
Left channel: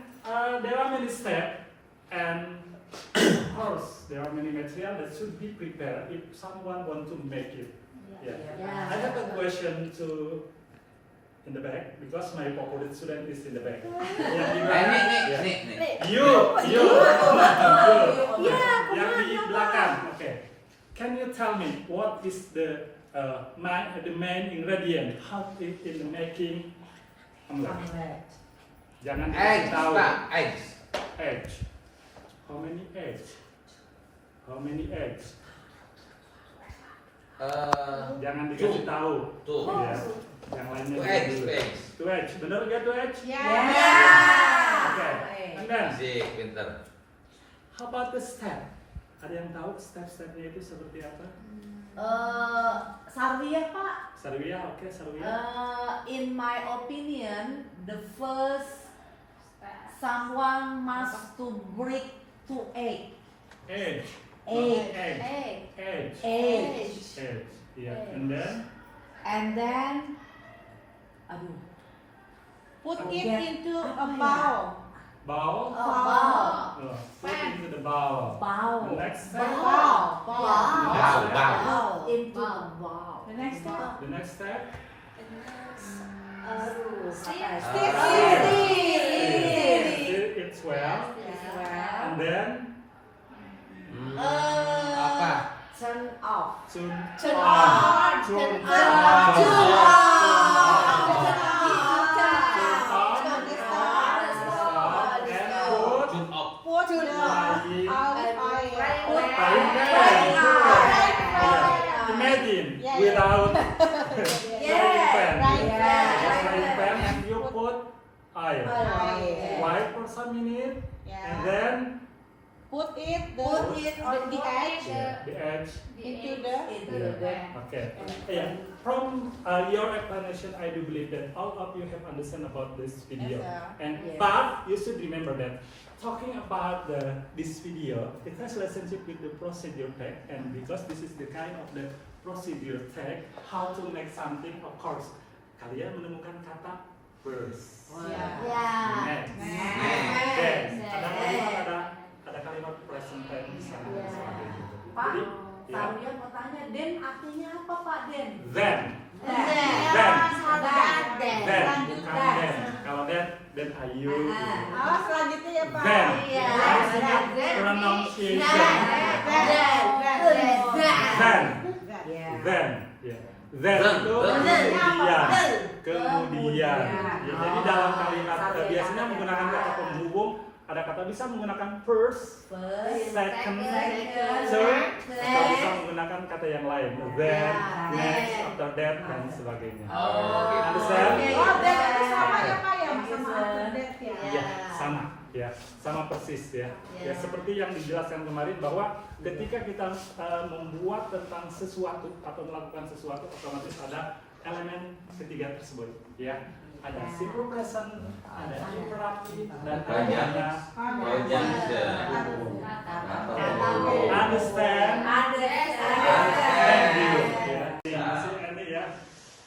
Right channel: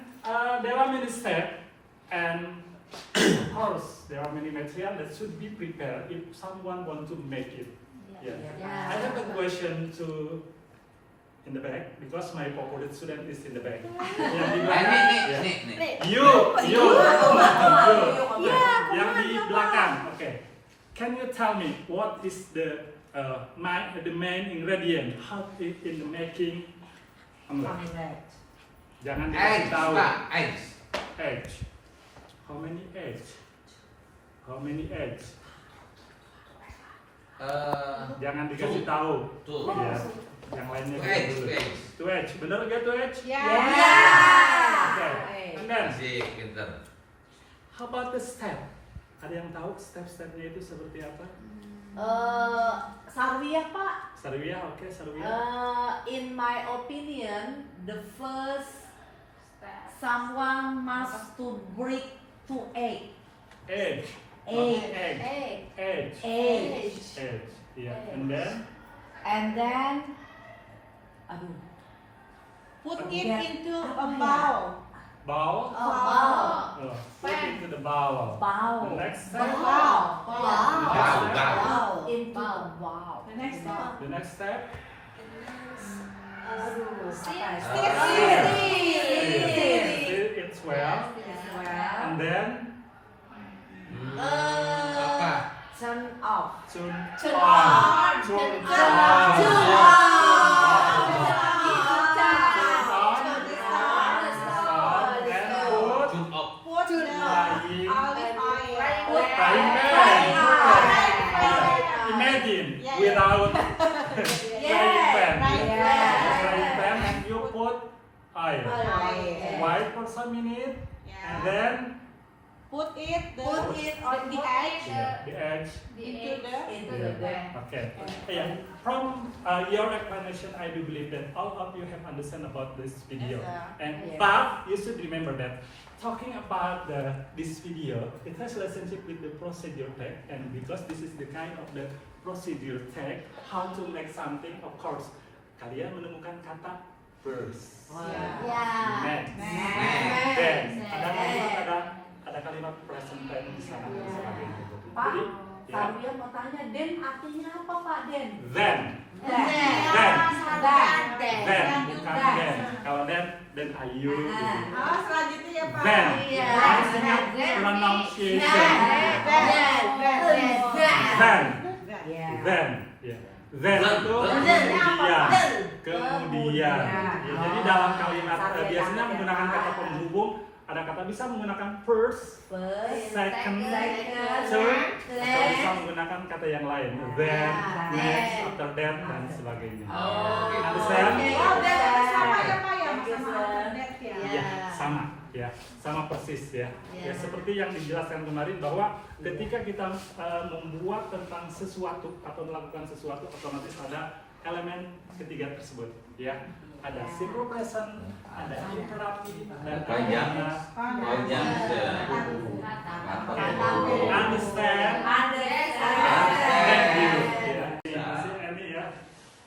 there are many steps, and of course, there are many material that should be prepared if someone want to make it. Yeah. I have a question to in the back because my favorite student is in the back. Yang di belakang, yeah. Nih. You. Yang di belakang. Okay. Can you tell me what is the main ingredient? How it in the making omelette? Jangan dikasih Eggs, tahu. Pak. Eggs. Eggs. How many eggs? How many eggs? Jangan dikasih tahu. Tuh. Ya. Yang lainnya Two kita eggs, dulu. two eggs. Two eggs. Benar nggak two eggs? Ya. Okay. And then, Masih pinter. how about the step? Ada yang tahu step-stepnya itu seperti apa? Sarwiyah, Pak. Sarwiyah, oke, Sarwiyah. In my opinion, the first someone must to break two egg. Egg. Egg. Egg. Egg. Egg. Egg. Yeah. And then, Aduh. Put it Get into apa a ya? bowl. bowl. Bowl. Oh, put into the bowl. Bowl. The next step. Bowl. Bowl. Into Bowl. the bowl. The next step. The next step. Aduh. Stir. Stir it well. And then, Apa? Turn off. turn Turn on. on. Turn Turn on. on. Tune off. Put the Frying. olive oil. Frying pan. Imagine Yeah, without Yeah, frying pan. right, Frying pan and you put oil. Wait for some minute and Yeah. then Put it Put it on the edge the edge. into the Into the Okay. Yeah. From your explanation, I do believe that all of you have understand about this video. Yes, sir. And Yes. but you should remember that talking about this video, it has relationship with the procedure tag, and because this is the kind of the procedure tag, how to make something, of course, kalian menemukan kata first, next, then, ada kalimat present tense di sana dan sebagainya. Pak, Jadi, ya, Sarwiyah mau tanya, Den artinya apa, Pak, Den? then, Den. bukan then. Kalau then ayu. gitu. Oh, selanjutnya ya Pak. Then, Iya. harus ingat pronunciation. Then, Ya. then, ya. Then itu kemudian. Ya, jadi dalam kalimat biasanya menggunakan kata penghubung, ada kata bisa menggunakan first, second, third, atau bisa menggunakan kata yang lain. Then, next, after that, dan sebagainya. Understand? Oh, dan itu sama ya Pak ya, sama update ya. Ya, sama persis ya. Ya seperti yang dijelaskan kemarin bahwa ketika kita membuat tentang sesuatu atau melakukan sesuatu, otomatis ada elemen ketiga tersebut ya. Ada simple present, ada imperatif, dan Panjang. ada Panjang. understand. Thank you. Ya. Terima kasih Andy ya.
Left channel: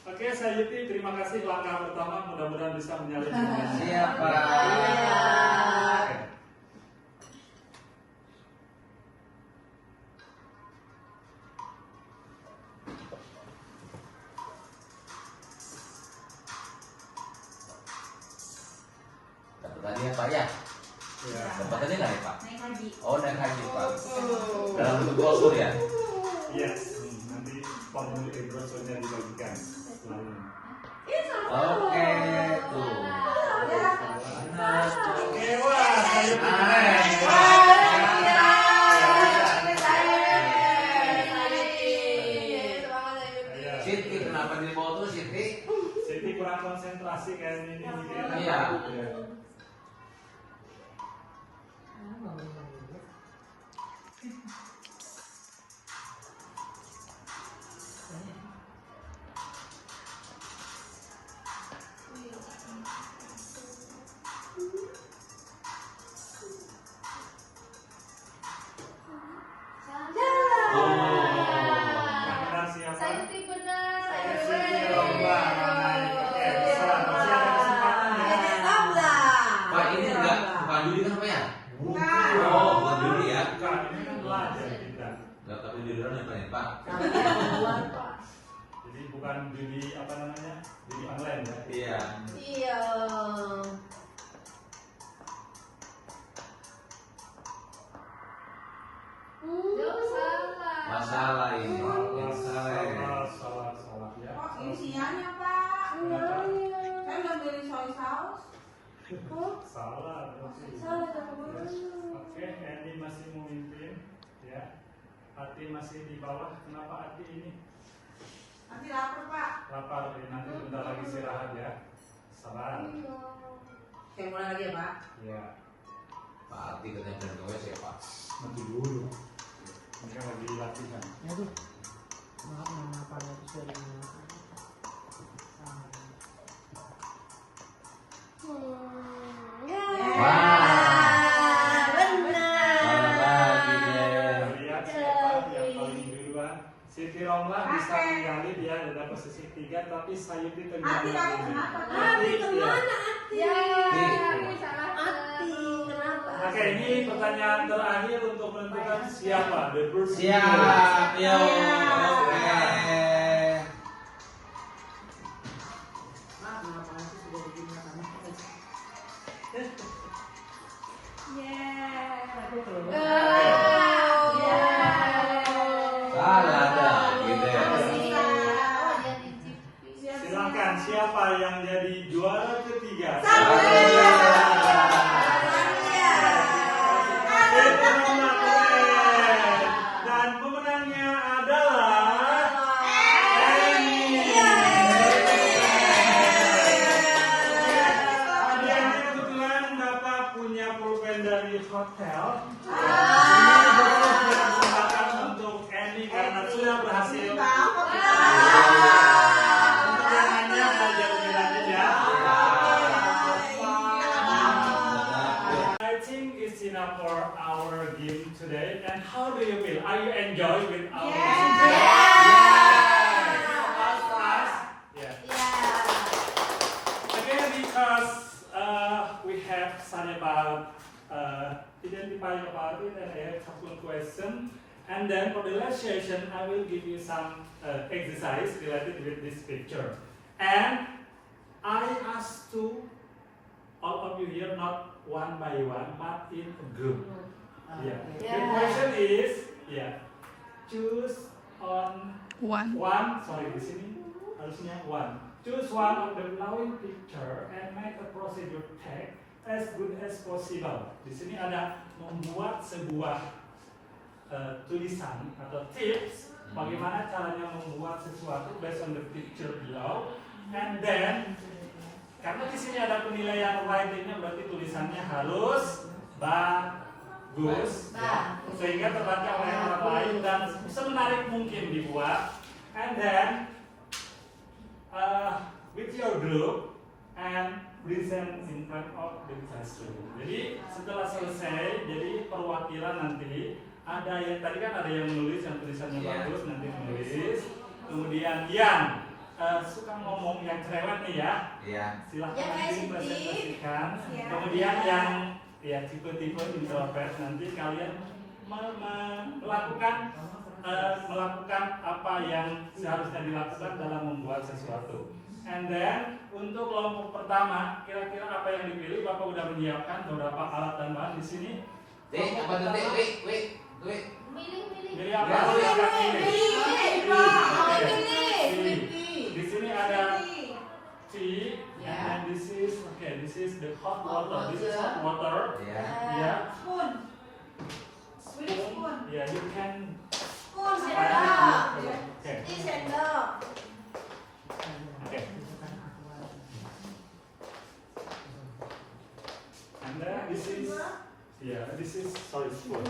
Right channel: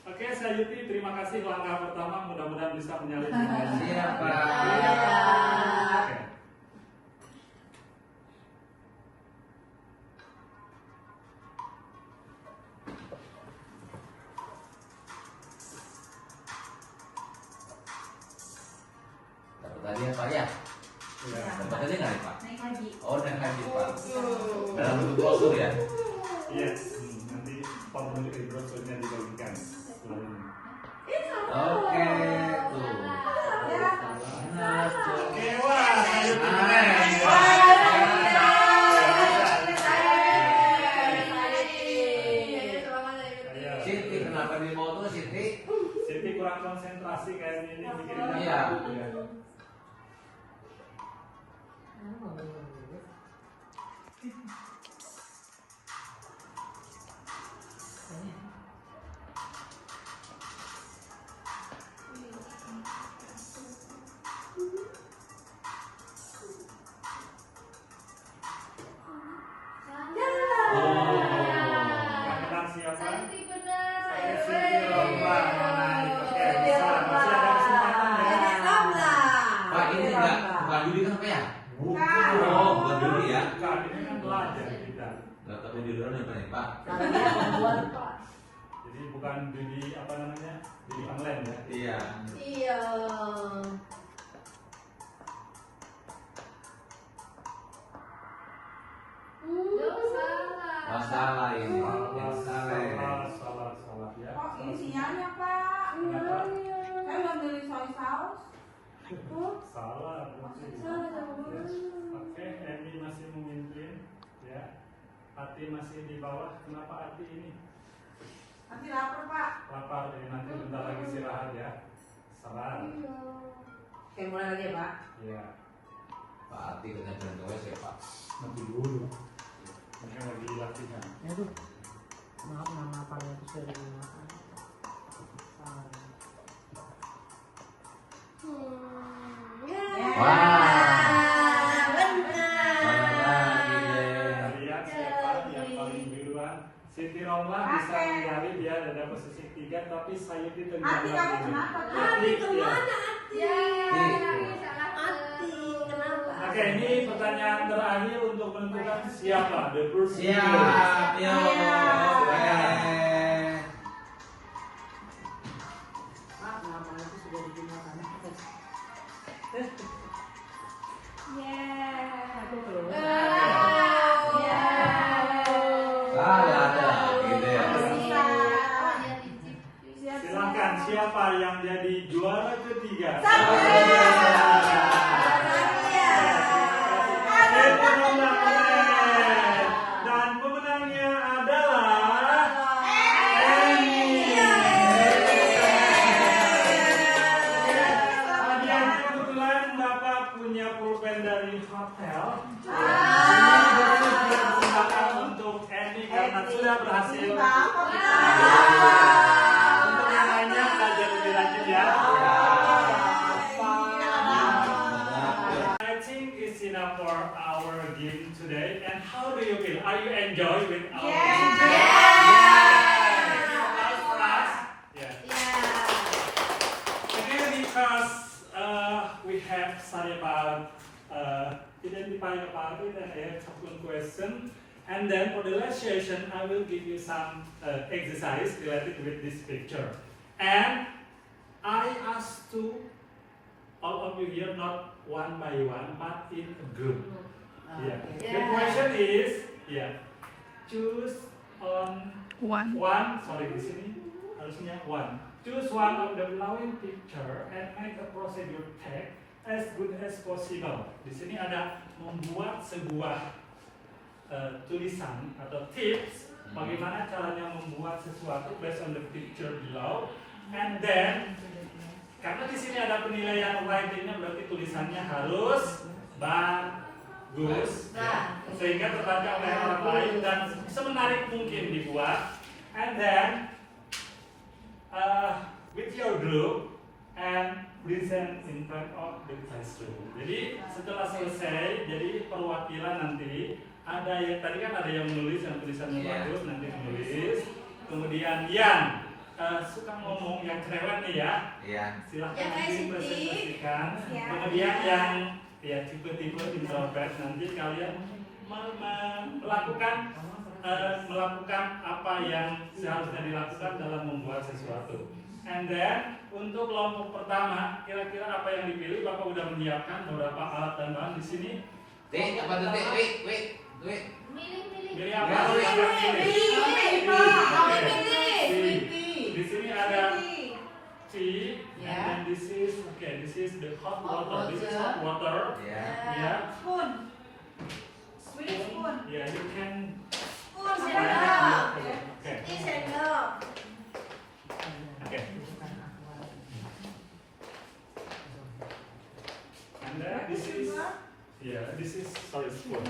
Oke, saya Yuti, terima kasih langkah pertama, mudah-mudahan bisa menyalin semuanya. Siap, Pak. Oke. Dapat tadi ya, Pak ya? Ya. Dapat tadi nggak nih, Pak? naik haji. Oh, naik haji Pak. Dalam bentuk brosur ya? Iya, nanti formulir brosurnya dibagikan setelah ini. Oke, tuh. Oke, wah, kayu keren. Siti, kenapa dia mau tuh Siti? Jadi kurang konsentrasi kayaknya ini mikirin Iya. apa. Iya. Oh, yang benar siapa? Saya benar. Saya Siti Romla. Oke, bisa. Masih ada kesempatan ya. Pak, ini enggak bukan judi kan Pak ya? Bukan. Oh, bukan judi ya? Bukan, ini kan belajar kita. Enggak tahu judian ya Pak ya, Pak? Jadi bukan judi apa namanya? Judi online ya. Iya. Iya. Masalah ini. Masalah. Salah ya. Oh, ini sinyalnya, Pak. Kenapa? Saya mau beli soy sauce. Salah. Oke, Edi masih memimpin ya. Ati masih di bawah. Kenapa Ati ini? Nanti lapar, Pak. Lapar ya, nanti bentar lagi istirahat ya. Sabar. Oke, mulai lagi ya, Pak. Ya, Pak Ati katanya belum tahu ya Pak. nanti dulu. Mereka lagi latihan. Aduh, maaf nama apanya itu sudah dimakan. Wah. Benar. Mana lagi deh? Lihat siapa yang paling duluan. Siti Romla bisa Oke. menggali, dia ada posisi 3, tapi Sayuti tengah Ati, kamu lagi. kenapa, Pak? Ati Iya. kemana Ati? Ati kenapa? Oke, ini pertanyaan terakhir untuk menentukan siapa the first Siap, yo. Oke. Maaf nama itu sudah dimakan. Salah ada gitu ya. Silakan, siapa yang jadi juara ketiga? Dan pemenangnya adalah Eni. Hadiahnya kebetulan Bapak punya pulpen dari hotel. Ini dipersembahkan untuk Eni karena sudah berhasil. Untuk yang lainnya belajar lebih lanjut ya. I think it's enough for our game today. And how do you feel? Are you enjoy with our game? Yeah. Again, because we have started about identifying the party, then I have a couple of questions. And then for the last session, I will give you some exercise related with this picture. And I ask to all of you here, not one by one, but in a group. Yeah. The question is, choose on one. Sorry, di sini harusnya one. Choose one of the following picture and make a procedure tag as good as possible. Di sini ada membuat sebuah tulisan atau tips bagaimana caranya membuat sesuatu based on the picture below, and then karena di sini ada penilaian writingnya berarti tulisannya harus bagus ya, sehingga terbaca oleh orang lain dan semenarik mungkin dibuat, and then with your group and present in front of the classroom. Jadi setelah selesai, jadi perwakilan nanti ada yang tadi kan ada yang menulis yang tulisannya bagus nanti menulis, kemudian yang suka ngomong yang cerewet nih ya, silahkan Yang nanti sensitif. presentasikan. Ya. Kemudian yang tipe-tipe introvert nanti kalian melakukan apa yang seharusnya dilakukan dalam membuat sesuatu. And then untuk kelompok pertama, kira-kira apa yang dipilih? Bapak udah menyiapkan beberapa alat dan bahan di sini. Apa tuh, Wik? Milih. Pilih apa? Di sini ada tea, and this is the hot water. This is hot water. Ya. Yeah. Spoon. Sweet spoon. Yeah, you can. Spoon, sendok. Okay. Ini sendok. Okay. And then this is sorry spoon.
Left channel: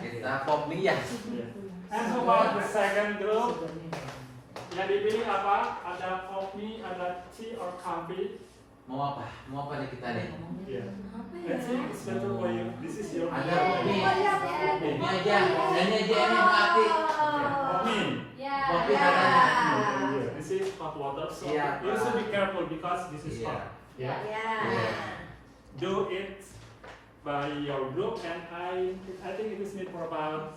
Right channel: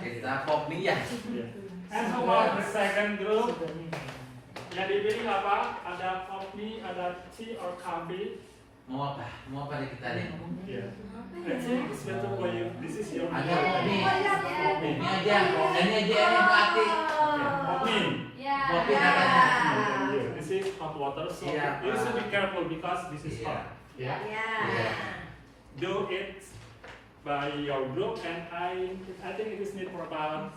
Kita pop mie ya. Yeah. And how about the second group? Yang dipilih apa? Ada coffee, ada tea or coffee? Mau apa nih kita nih? Yeah. Let's see, it's better for you. This is your Ada coffee. mie aja, ini aja yang hati. Coffee. Ya. Kopi namanya. Yeah. This is hot water, so Yeah. you should be careful because this is Yeah. hot. Yeah. Ya. Do it by your group, and I think it is need for about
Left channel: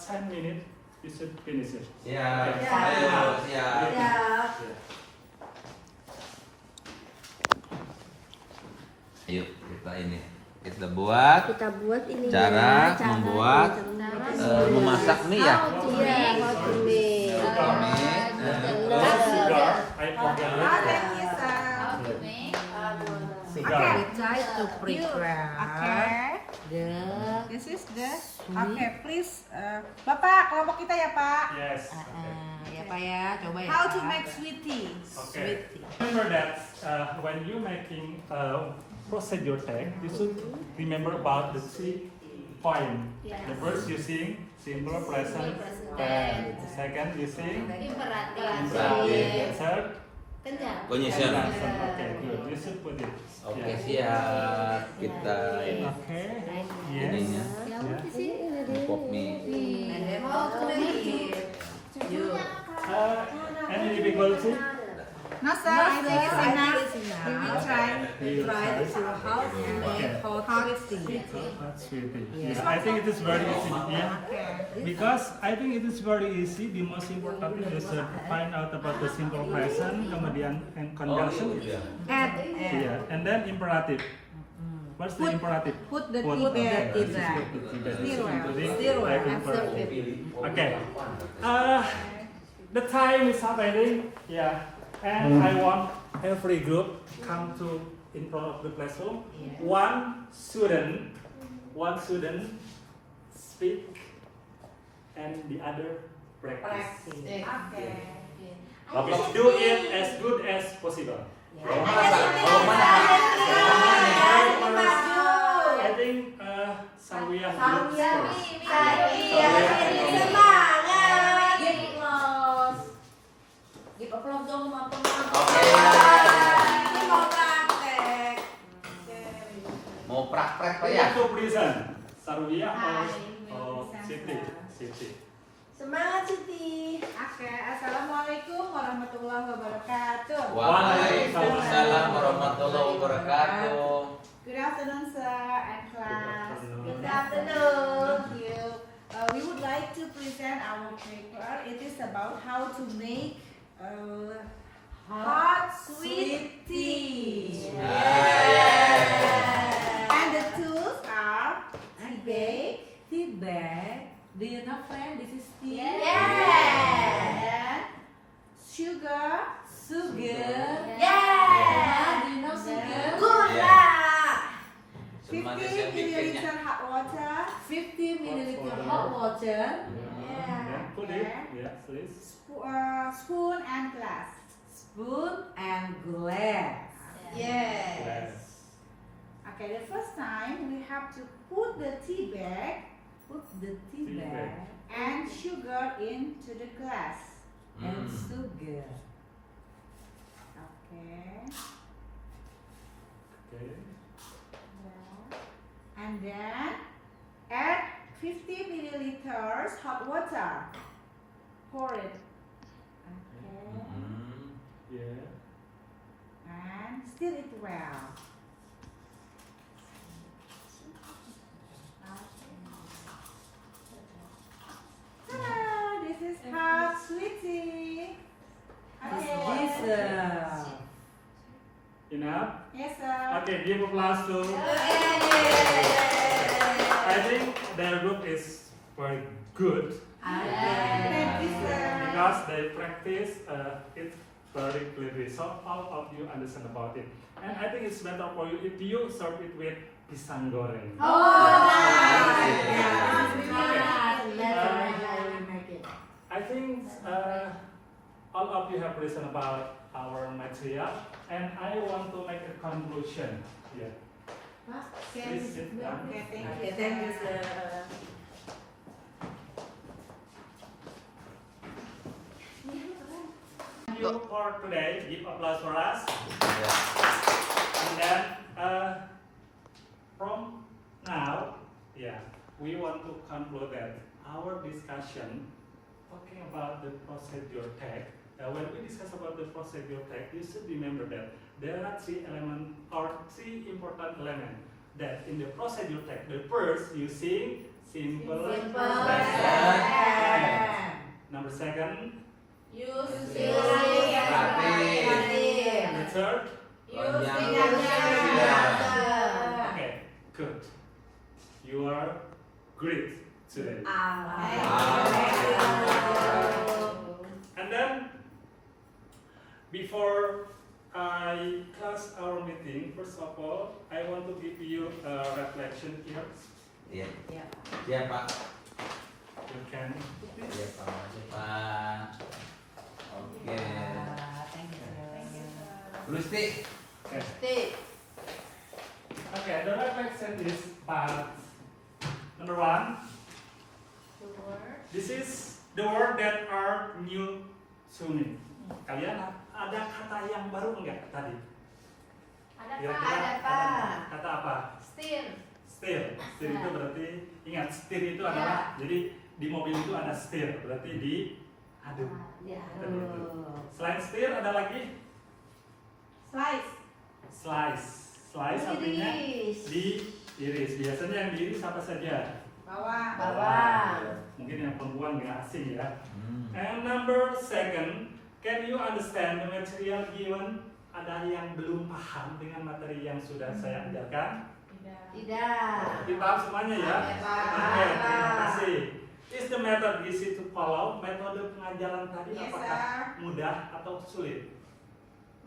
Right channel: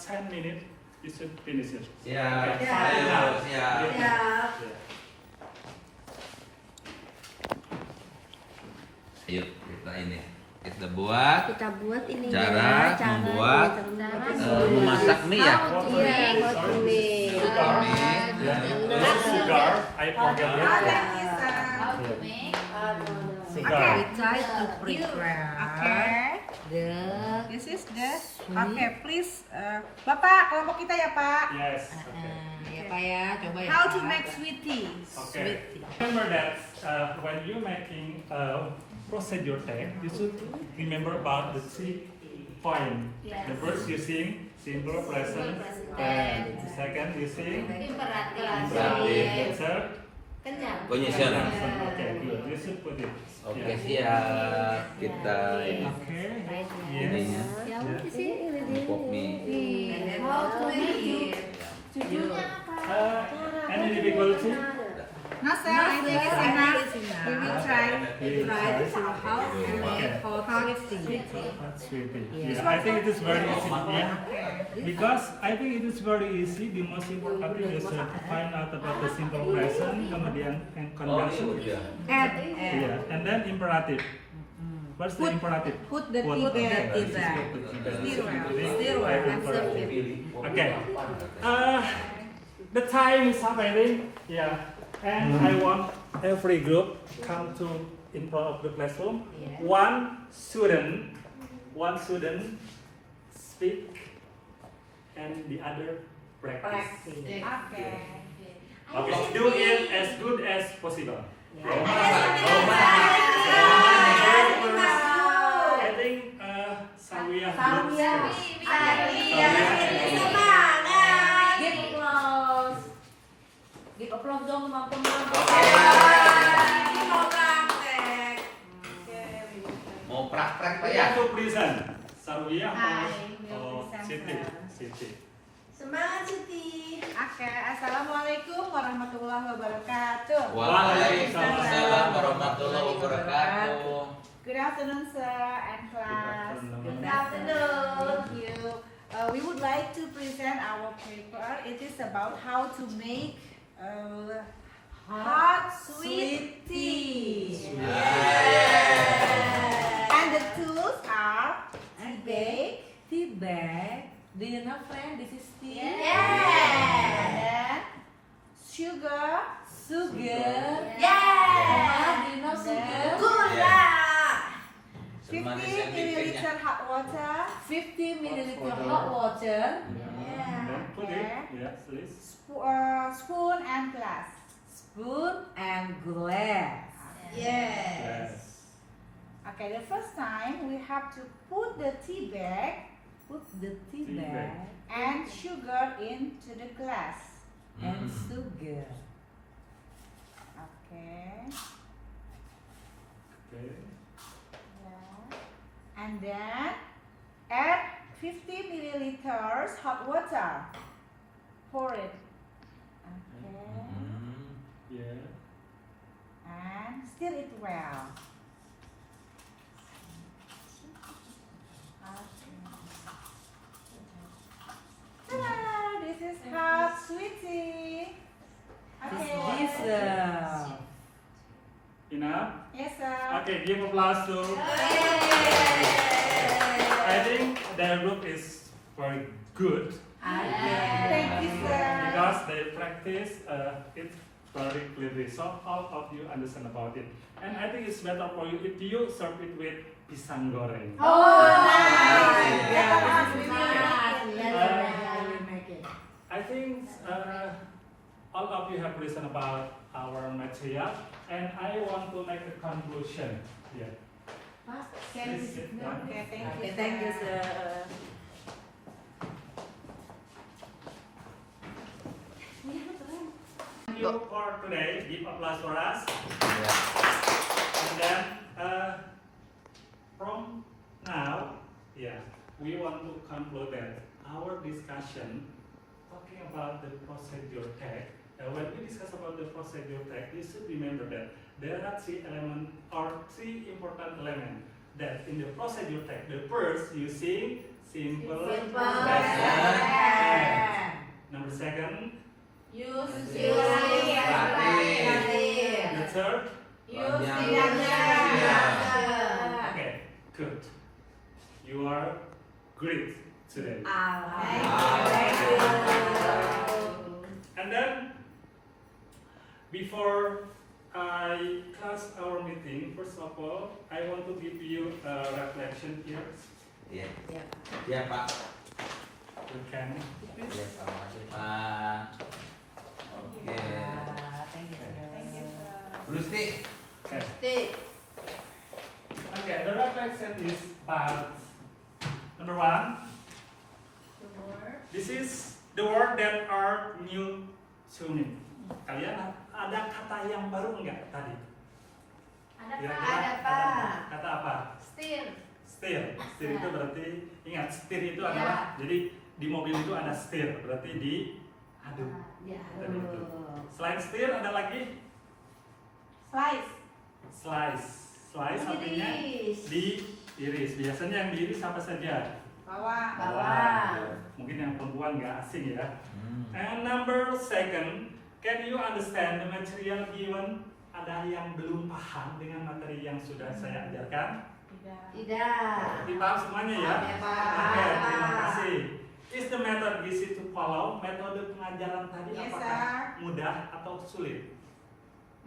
10 minutes. You should finish it. Siap. Okay. Ayo, siap. Ya. Ayo kita buat Kita buat ini Cara membuat, memasak mie ya. Iya, how to make. Sugar, I forget it. Ada kisah. Sugar. We try to prepare the This is the. Okay, please. Bapak, kelompok kita ya Pak. Yes. ya Pak ya, coba ya. How to Pak. make sweet tea. Okay. Remember that when you making procedure tag, you should remember about the 3 point. The first using simple present tense. The second using Imperatif. imperative. Third, Kenyang. Condition. okay, good. You should put it. Oke, Yeah. siap. Kita ini Okay. ininya Ya udah sih. pop mie. How to make it? Any difficulty? No sir, I think it's enough. We will try. We will Try try. to how to make hot tea. Hot sweetie. Yeah, I think it is very easy. Yeah. Because I think it is very easy. The most important thing is to find out about the simple present, kemudian and conjunction. Add. Yeah, and then imperative. What's the imperative? Put the tea Okay, back. this is the tea bag. Still Like imperative. Okay. The time is up, I think. Yeah. And I want every group come to in front of the classroom. One student speak, and the other practice. Okay. Okay. Do it as good as possible. Kalau masak. I think Samia Samia. first. Give applause. Give applause dong teman-teman. Oke. Ini mau praktek. Mau praktek Pak We ya? have to present. Sarwia Hi, or we'll Siti? present. Siti. Semangat Siti. Oke, assalamualaikum warahmatullahi wabarakatuh. Waalaikumsalam warahmatullahi wabarakatuh. Good afternoon, sir and class. Good afternoon. Thank you. We would like to present our paper. It is about how to make hot sweet tea. And the tools are Tea bag. Do you know friend? This is tea. and sugar. Sugar. Yeah. Do you know sugar? Gula. 50 milliliter hot water. 50 milliliter hot water. Then put it. Yes, please. Spoon and glass. Spoon and glass. Yes. Yes. Okay, the first time we have to put the tea bag Put the tea Tea bag. bag and sugar into the glass. and sugar. Okay. Okay. And then add 50 milliliters hot water. Pour it. Okay. Yeah. And stir it well. Ta-da! This is hot sweet tea. Okay. This Enough? Yes, sir. Okay, give applause to. Yeay. I think their group is very good Thank you, sir. because they practice it very clearly. So all of you understand about it. And I think it's better for you if you serve it with pisang goreng. I think all of you have listened about our material, and I want to make a conclusion here. Please sit down. Okay, thank you, sir. Thank you for today. Give applause for us. And then from now, we want to conclude that our discussion talking about the procedure tag. When we discuss about the procedure tag, you should remember that there are three important elements that in the procedure tag. The first, using simple present. Number second, the third. Okay, good. You are great today. And then, before I close our meeting, first of all, I want to give you a reflection here. Iya. Iya, Pak. You can. Iya, Pak. Makasih, Pak. Oke. Lusti. Okay. Okay, the reflection is about number one. This is the word that are new to me. Kalian ada kata yang baru enggak tadi? Yang kata apa? Setir. Setir. Setir itu berarti ingat setir itu adalah jadi di mobil itu ada setir berarti diaduk. Tadi itu. Selain setir ada lagi Slice. slice. Slice artinya diiris. Biasanya yang diiris apa saja? Bawang. Mungkin yang perempuan nggak asing ya. And number second, can you understand the material given? Ada yang belum paham dengan materi yang sudah saya ajarkan? Paham semuanya ya? Oke, terima kasih. Is the method easy to follow? Metode pengajaran tadi Yes, apakah sir. mudah atau sulit?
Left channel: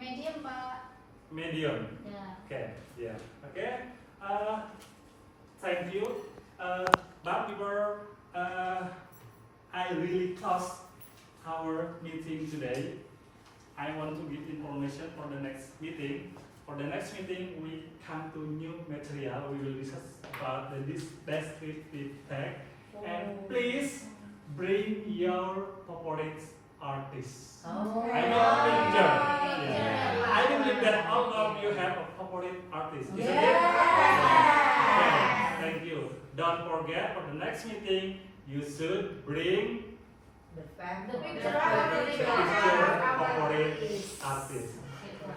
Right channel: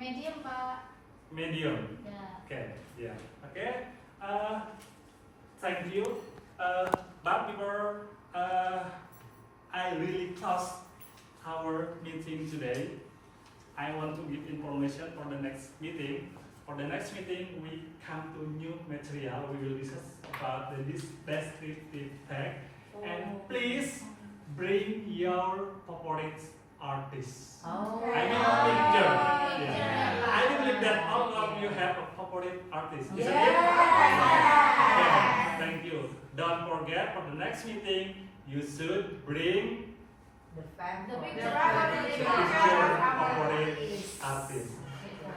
Medium, Pak. Medium. Ya. Okay, yeah. Okay. Thank you. But before I really close our meeting today, I want to give information for the next meeting. For the next meeting, we come to new material. We will discuss about this descriptive tag. And please bring your favorite artist. I know a picture. Yeah. I believe that all of you have a favorite artist, isn't it? Okay, thank you. Don't forget for the next meeting, you should bring The picture the picture of favorite artist.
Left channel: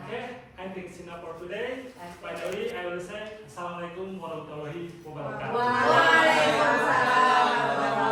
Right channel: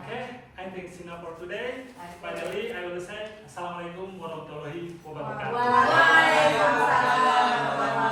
Okay, I think it's enough for today. Finally, I will say Assalamualaikum warahmatullahi wabarakatuh. Waalaikumsalam.